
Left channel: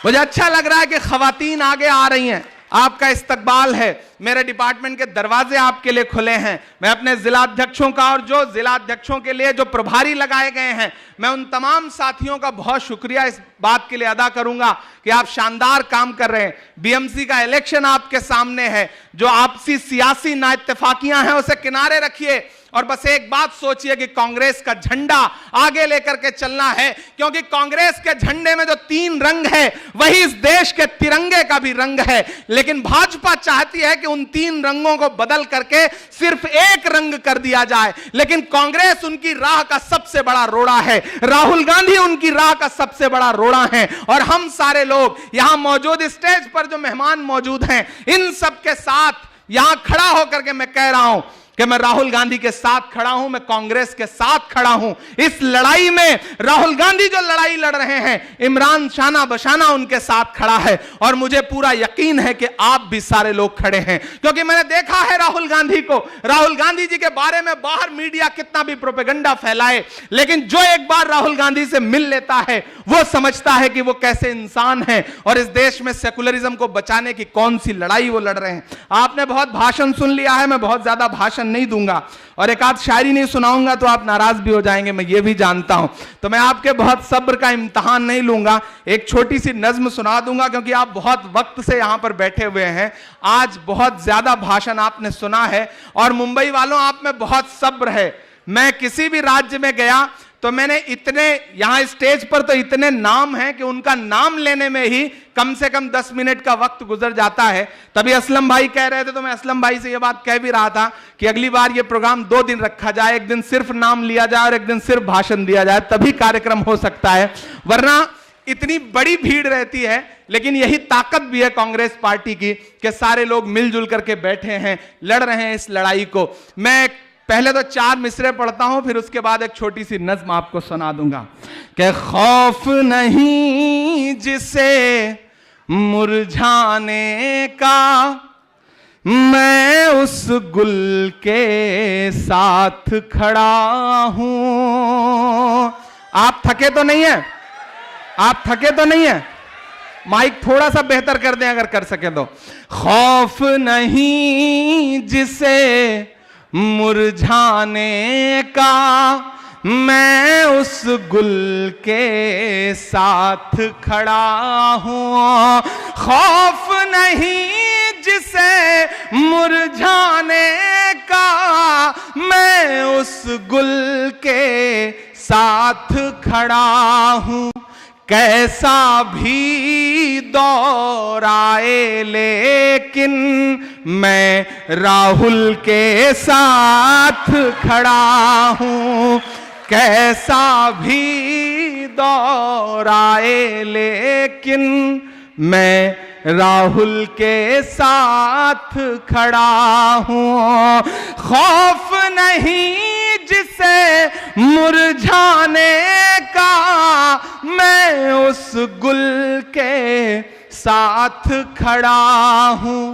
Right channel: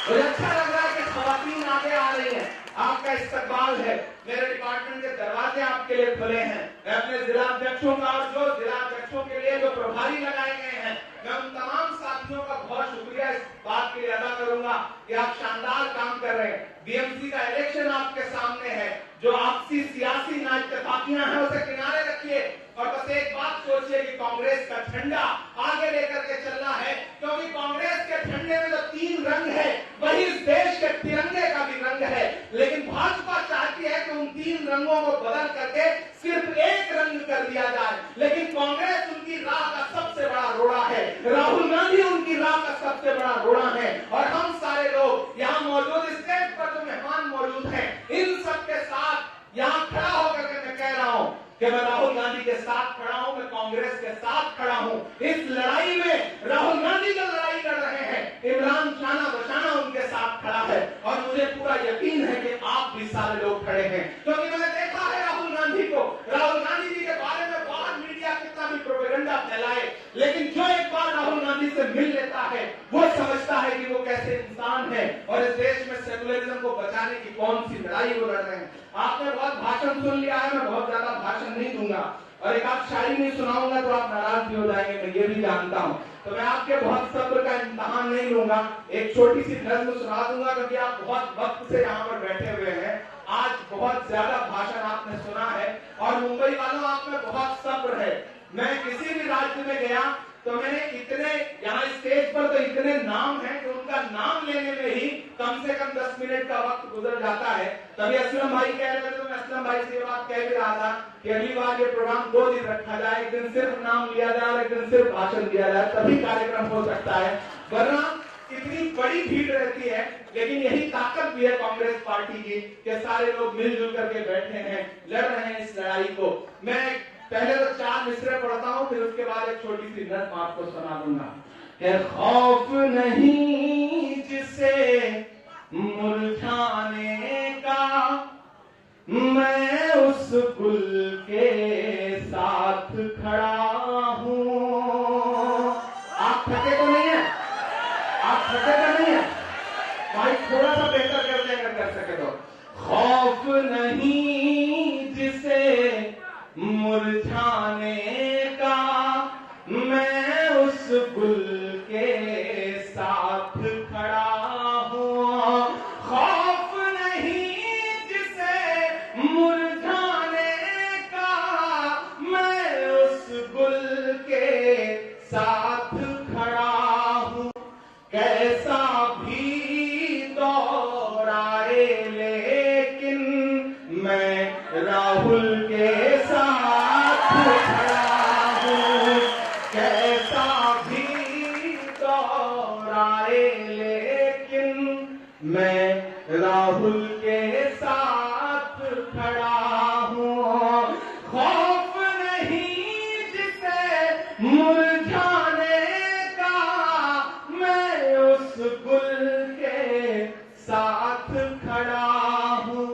मुझे अच्छा लग रहा है कि खवातीन आगे आ रही हैं, आपका इस्तकबाल है। मेरे डिपार्टमेंट के दरवाजे आपके लिए खुले हैं। मैं अपने जिलाध्यक्षों का और जो जिलाध्यक्षों के लिए जो प्रभारी लगाए गए हैं, मैं उन तमाम साथियों का बहुत शुक्रिया इस बात के लिए अदा करूंगा कि आप शानदार काम कर रहे हैं। बीएमसी का इलेक्शन आपके सामने है। जो आपसी सियासी नाइत्तेफाकियां हैं उसे किनारे रखिए और बस एक बात सोचिए कि कांग्रेस का झंडा आगे लेकर के चलना है, क्योंकि कांग्रेस के झंडे में जो 3 रंग है वही इस देश के तिरंगे का भी रंग है। लेकिन भाजपा चाहती है कि उन 3 रंगों को बदल करके सिर्फ एक रंग कर दिया जाए। लेकिन कांग्रेस उनकी राह का सबसे बड़ा रोड़ा है, राहुल गांधी उनकी राह का सबसे बड़ा रोड़ा है। और हम सारे लोग यहां मौजूद, स्टेज पर जो मेहमान मौजूद हैं, इन सबके साथ यहां खड़ा होकर के मैं कह रहा हूं कि मैं राहुल गांधी के साथ खड़ा हूं, मैं कांग्रेस के साथ खड़ा हूं। इस लड़ाई में राहुल गांधी जो लड़ाई लड़ रहे हैं, इमरान शाना बशाना उनके साथ खड़ा है। और मुझे पूरा यकीन है कि आप भी सारे लोग खड़े हैं, क्योंकि मैंने देखा है राहुल गांधी को। राहुल गांधी जी के बारे में बाहर मीडिया कितना भी प्रोपेगेंडा फैलाए, लेकिन जो एक बार राहुल गांधी से मिल लेता है वो समझता है कि वो कैसे इंसान है और इस देश में सेकुलरिज्म को बचाने की कौन सी लड़ाई वो लड़ रहे हैं। आपने बहुत भाषण सुन लिया है, मैं बहुत ज्यादा भाषण नहीं दूंगा और एक आध शायरी नहीं सुनाऊंगा तो आप नाराज भी हो जाएंगे, मैं ये भी जानता हूं। तो मैं आपके बहुत सब्र का इम्तिहान नहीं लूंगा, एक छोटी सी नज्म सुना दूंगा, क्योंकि आप बहुत वक्त से यहां पर बैठे हुए हैं। आज बहुत ज्यादा भाषण आपने सुना है और मुंबई वालों आप में बहुत सब्र है। मैं किसी भी राज्य में गया तो मैंने इतने, यहां स्टेज पर तो इतने नाम हैं कि उनका नाम लेने में ही कम से कम 10 मिनट का वक्त गुजर जाता है। तभी असलम भाई कह रहे थे तो मैं असलम भाई से यह बात कह भी रहा था कि अगली बार यह प्रोग्राम 2 दिन रखा जाए, एक दिन सिर्फ नाम लिया जाए और एक दिन सिर्फ भाषण दिया जाए, तभी कार्यक्रम हो सकता है। वरना इतनी बड़ी भीड़ रहती है। लेकिन यही ताकत भी है कांग्रेस पार्टी की कि सारे लोग मिलजुल करके बैठे हैं, लड़ रहे हैं इस लड़ाई को। मैं पहले तो 4 मिसरे पढ़ता हूं, फिर उसके बाद एक छोटी सी नज्म आपको सुना दूंगा कि खौफ नहीं जिसे मुरझाने का, मैं उस गुल के साथ खड़ा हूं। आप थके तो नहीं है? आप थके तो नहीं है? माइक थोड़ा सा बेहतर कर दें अगर कर सके तो। खौफ नहीं जिसे मुरझाने का, मैं उस गुल के साथ खड़ा हूं। खौफ नहीं जिसे मुरझाने का, मैं उस गुल के साथ खड़ा हूं। कैसा भी दौर आए लेकिन मैं राहुल के साथ खड़ा हूं। कैसा भी दौर आए लेकिन मैं राहुल के साथ खड़ा हूं। खौफ नहीं जिसे मुरझाने का, मैं उस गुल के साथ खड़ा हूं।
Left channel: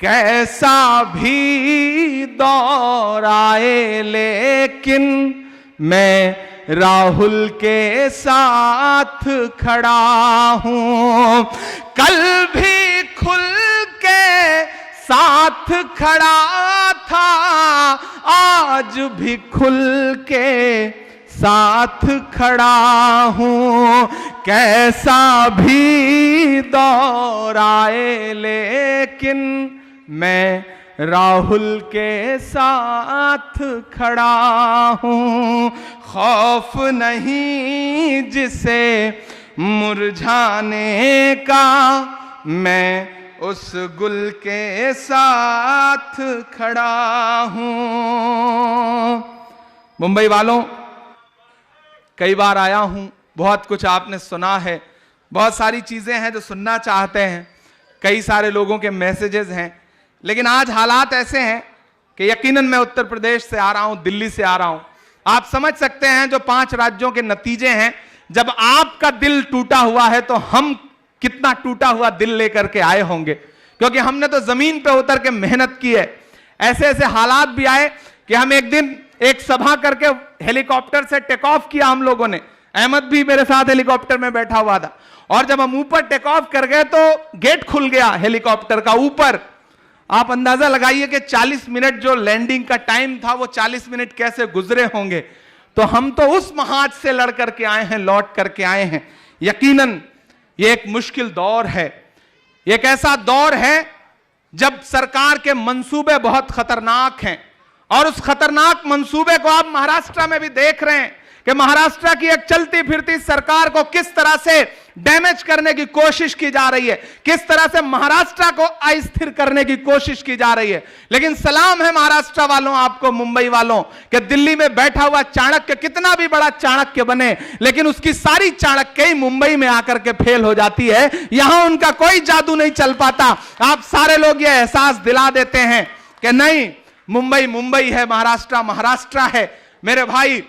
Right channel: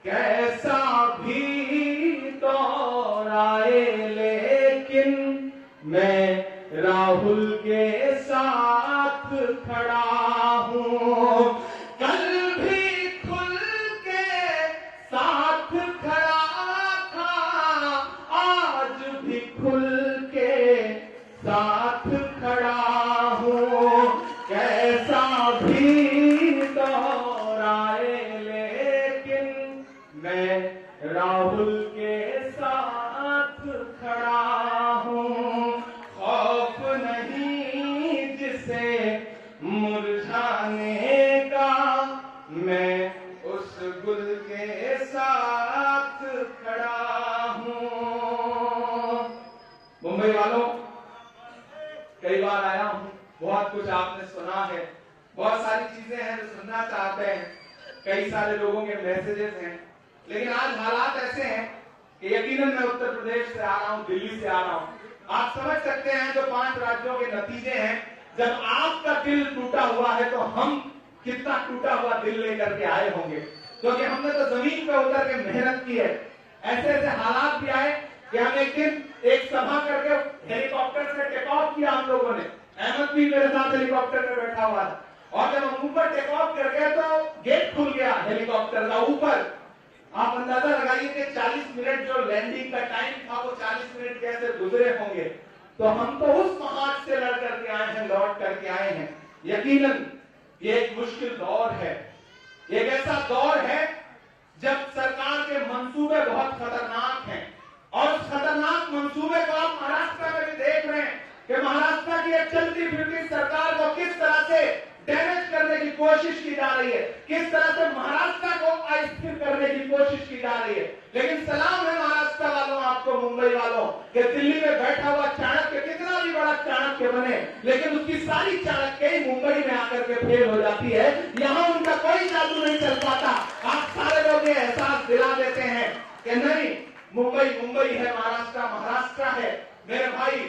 कैसा भी दौर आए लेकिन मैं राहुल के साथ खड़ा हूं। कल भी खुल के साथ खड़ा था, आज भी खुल के साथ खड़ा हूं। कैसा भी दौर आए लेकिन मैं राहुल के साथ खड़ा हूं। खौफ नहीं जिसे मुरझाने का, मैं उस गुल के साथ खड़ा हूं। मुंबई वालों, कई बार आया हूं, बहुत कुछ आपने सुना है, बहुत सारी चीजें हैं जो सुनना चाहते हैं, कई सारे लोगों के मैसेजेस हैं, लेकिन आज हालात ऐसे हैं कि यकीनन मैं उत्तर प्रदेश से आ रहा हूं, दिल्ली से आ रहा हूं। आप समझ सकते हैं जो 5 राज्यों के नतीजे हैं। जब आपका दिल टूटा हुआ है तो हम कितना टूटा हुआ दिल लेकर के आए होंगे, क्योंकि हमने तो जमीन पे उतर के मेहनत की है। ऐसे ऐसे हालात भी आए कि हम एक दिन एक सभा करके हेलीकॉप्टर से टेक ऑफ किया हम लोगों ने। अहमद भी मेरे साथ हेलीकॉप्टर में बैठा हुआ था, और जब हम ऊपर टेक ऑफ कर गए तो गेट खुल गया हेलीकॉप्टर का ऊपर। आप अंदाजा लगाइए कि 40 मिनट जो लैंडिंग का टाइम था वो 40 मिनट कैसे गुजरे होंगे। तो हम तो उस महाज से लड़ करके आए हैं, लौट करके आए हैं। यकीनन ये एक मुश्किल दौर है, एक ऐसा दौर है जब सरकार के मंसूबे बहुत खतरनाक हैं, और उस खतरनाक मंसूबे को आप महाराष्ट्र में भी देख रहे हैं कि महाराष्ट्र की एक चलती फिरती सरकार को किस तरह से डैमेज करने की कोशिश की जा रही है, किस तरह से महाराष्ट्र को अस्थिर करने की कोशिश की जा रही है। लेकिन सलाम है महाराष्ट्र वालों, आपको मुंबई वालों, कि दिल्ली में बैठा हुआ चाणक्य कितना भी बड़ा चाणक्य बने, लेकिन उसकी सारी चाणक्य ही मुंबई में आकर के फेल हो जाती है। यहां उनका कोई जादू नहीं चल पाता। आप सारे लोग ये एहसास दिला देते हैं कि नहीं, मुंबई मुंबई है, महाराष्ट्र महाराष्ट्र है। मेरे भाई,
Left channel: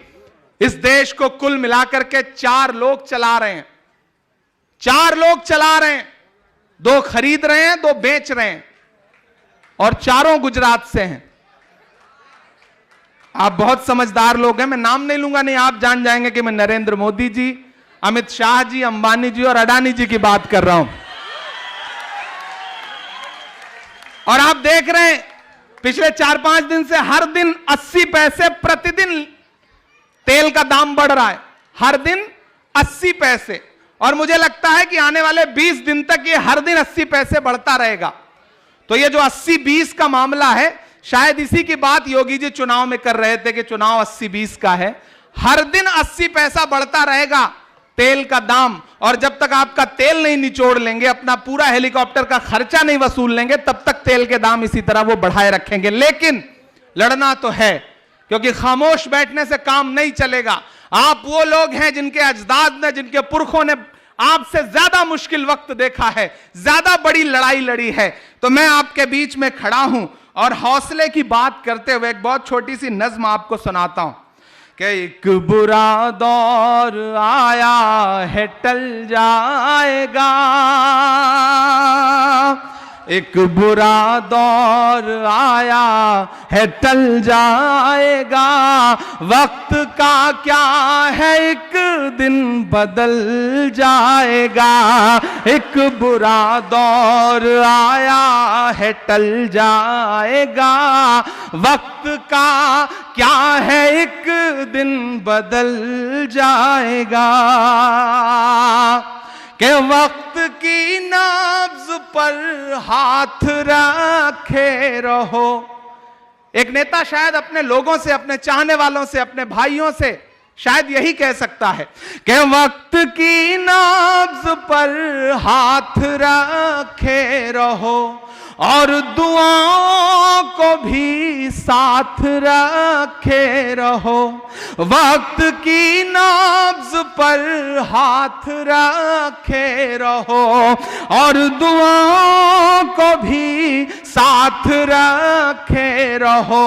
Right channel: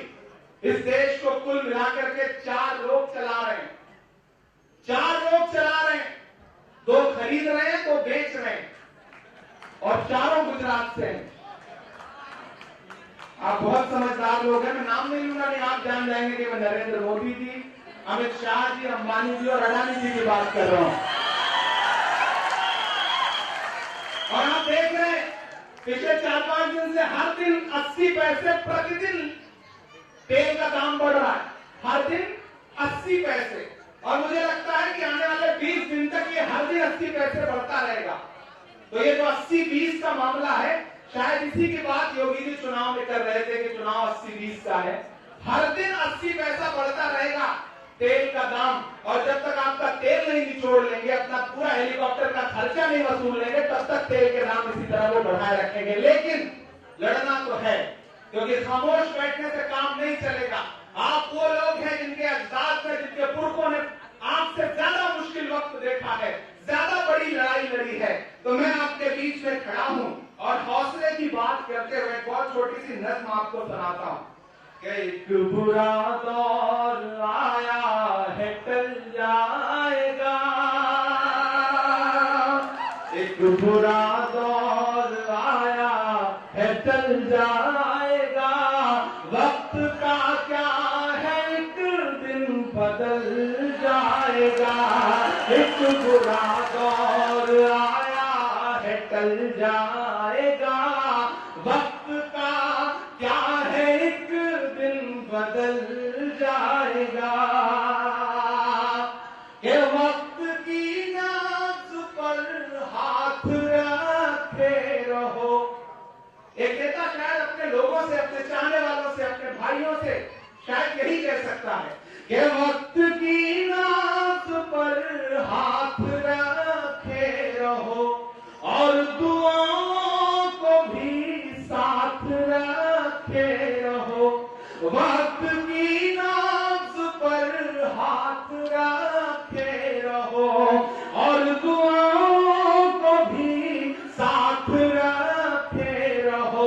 इस देश को कुल मिलाकर के 4 लोग चला रहे हैं, 4 लोग चला रहे हैं। 2 खरीद रहे हैं, 2 बेच रहे हैं, और चारों गुजरात से हैं। आप बहुत समझदार लोग हैं, मैं नाम नहीं लूंगा, नहीं आप जान जाएंगे कि मैं नरेंद्र मोदी जी, अमित शाह जी, अंबानी जी और अडानी जी की बात कर रहा हूं। और आप देख रहे हैं पिछले 4-5 दिन से हर दिन 80 पैसे प्रतिदिन तेल का दाम बढ़ रहा है, हर दिन 80 पैसे। और मुझे लगता है कि आने वाले 20 दिन तक ये हर दिन 80 पैसे बढ़ता रहेगा। तो ये जो 80-20 का मामला है, शायद इसी की बात योगी जी चुनाव में कर रहे थे कि चुनाव 80-20 का है। हर दिन 80 पैसा बढ़ता रहेगा तेल का दाम, और जब तक आपका तेल नहीं निचोड़ लेंगे, अपना पूरा हेलीकॉप्टर का खर्चा नहीं वसूल लेंगे, तब तक तेल के दाम इसी तरह वो बढ़ाए रखेंगे। लेकिन लड़ना तो है, क्योंकि खामोश बैठने से काम नहीं चलेगा। आप वो लोग हैं जिनके अजदाद ने, जिनके पुरखों ने आपसे ज्यादा मुश्किल वक्त देखा है, ज्यादा बड़ी लड़ाई लड़ी है। तो मैं आपके बीच में खड़ा हूं, और हौसले की बात करते हुए एक बहुत छोटी सी नज्म आपको सुनाता हूं कि एक बुरा दौर आया है टल जाएगा, एक बुरा दौर आया है टल जाएगा, वक्त का क्या है एक दिन बदल जाएगा, एक बुरा दौर आया है टल जाएगा, वक्त का क्या है एक दिन बदल जाएगा, कि वक्त की नाब्ज पर हाथ रखे रहो। एक नेता शायद अपने लोगों से, अपने चाहने वालों से, अपने भाइयों से शायद यही कह सकता है कि वक्त की नाब्ज पर हाथ रखे रहो, और दुआओं को भी साथ रखे रहो, वक्त की नाब्ज पर हाथ रखे रहो, और दुआओं को भी साथ रखे रहो,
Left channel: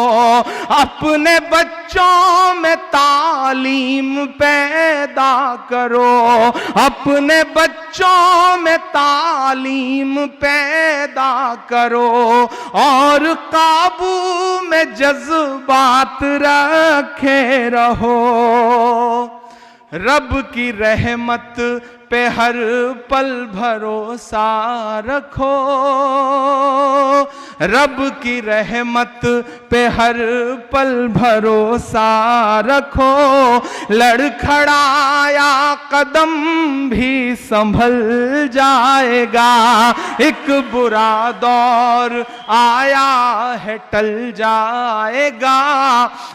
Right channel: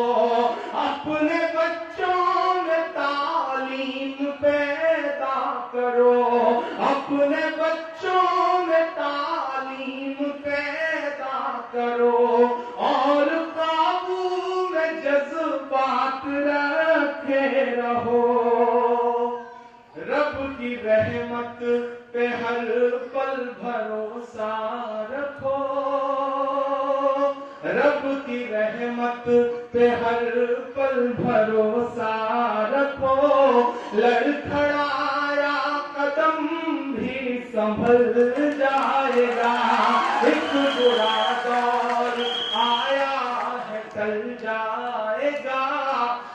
अपने बच्चों में तालीम पैदा करो, अपने बच्चों में तालीम पैदा करो, और काबू में जज्बात रखे रहो, रब की रहमत पे हर पल भरोसा रखो, रब की रहमत पे हर पल भरोसा रखो, लड़खड़ाया कदम भी संभल जाएगा, एक बुरा दौर आया है टल जाएगा,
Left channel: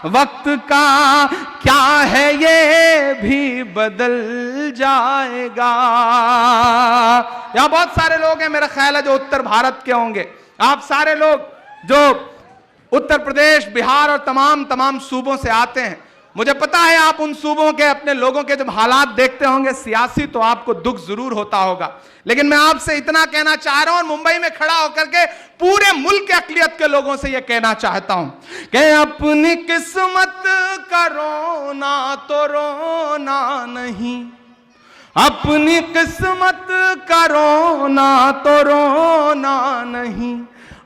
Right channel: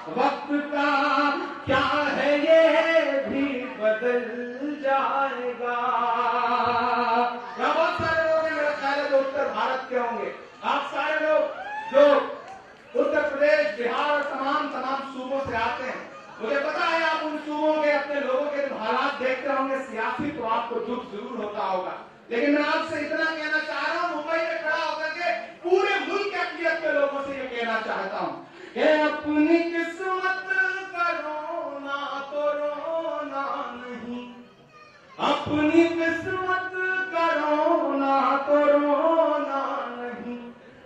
वक्त का क्या है ये भी बदल जाएगा। यहां बहुत सारे लोग हैं मेरा ख्याल है जो उत्तर भारत के होंगे, आप सारे लोग जो उत्तर प्रदेश, बिहार और तमाम सूबों से आते हैं, मुझे पता है आप उन सूबों के अपने लोगों के जब हालात देखते होंगे सियासी, तो आपको दुख जरूर होता होगा, लेकिन मैं आपसे इतना कहना चाह रहा हूं और मुंबई में खड़ा होकर के पूरे मुल्क के अकलियत के लोगों से यह कहना चाहता हूं कि अपनी किस्मत का रोना तो रोना नहीं, अपनी किस्मत का रोना तो रोना नहीं,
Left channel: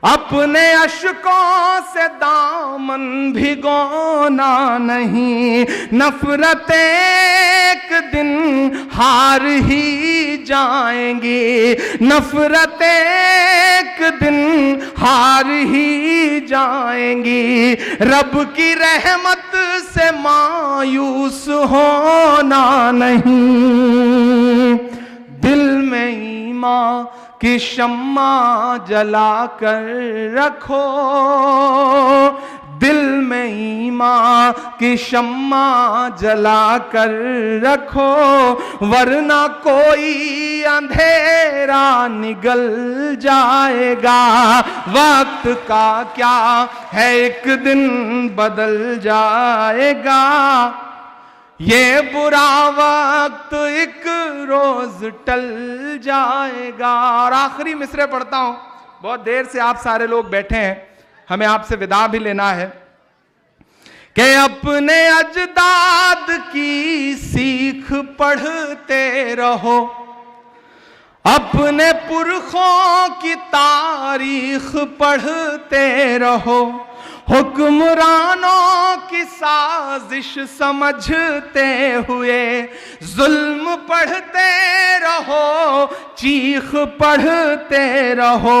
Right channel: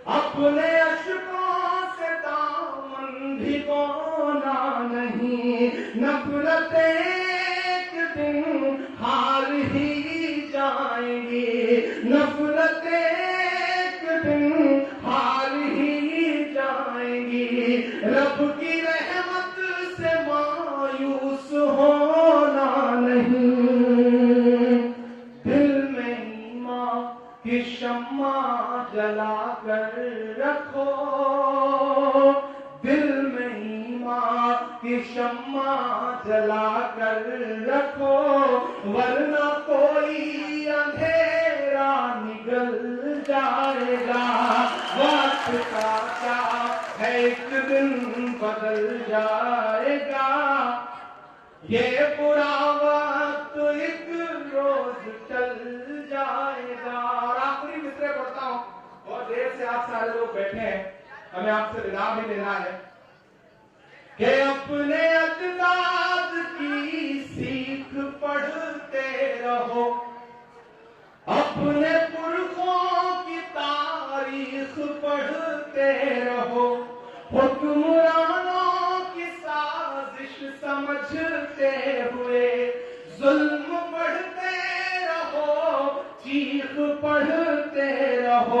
अपने अश्कों से दामन भिगोना नहीं, नफरत एक दिन हार ही जाएंगी, नफरत एक दिन हार ही जाएंगी, रब की रहमत से मायूस होना नहीं, दिल में ईमान कि शम्मा जला कर रखो, दिल में ईमान की शम्मा जला कर रखो, वरना कोई अंधेरा निगल जाएगा, वक्त का क्या है एक दिन बदल जाएगा, ये बुरा वक्त एक रोज टल जाएगा। और आखिरी मिसरे पढ़ता हूं, बहुत देर से आप सारे लोग बैठे हैं, हमें आपसे विदा भी लेना है, कि अपने अजदाद की सीख पढ़ते रहो, अपने पुरखों की तारीख पढ़ते रहो, हुक्मरानों की साजिश समझते हुए जुल्म पढ़ते रहो, चीख पढ़ते रहो,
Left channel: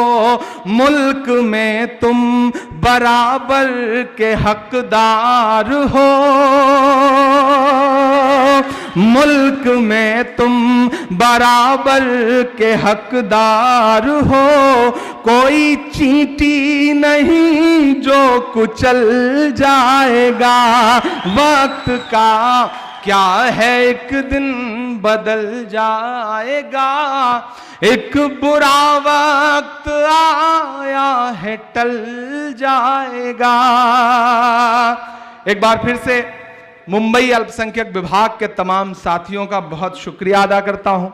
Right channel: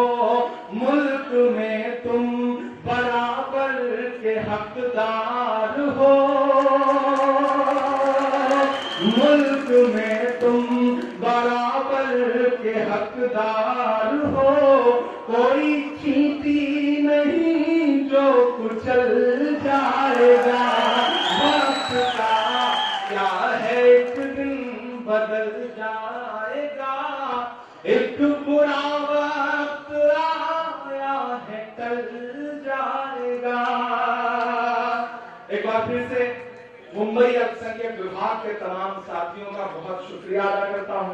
मुल्क में तुम बराबर के हकदार हो, मुल्क में तुम बराबर के हकदार हो, कोई चींटी नहीं जो कुचल जाएगा, वक्त का क्या है एक दिन बदल जाएगा, एक बुरा वक्त आया है टल जाएगा। एक बार फिर से मुंबई अल्पसंख्यक विभाग के तमाम साथियों का बहुत शुक्रिया अदा करता हूं।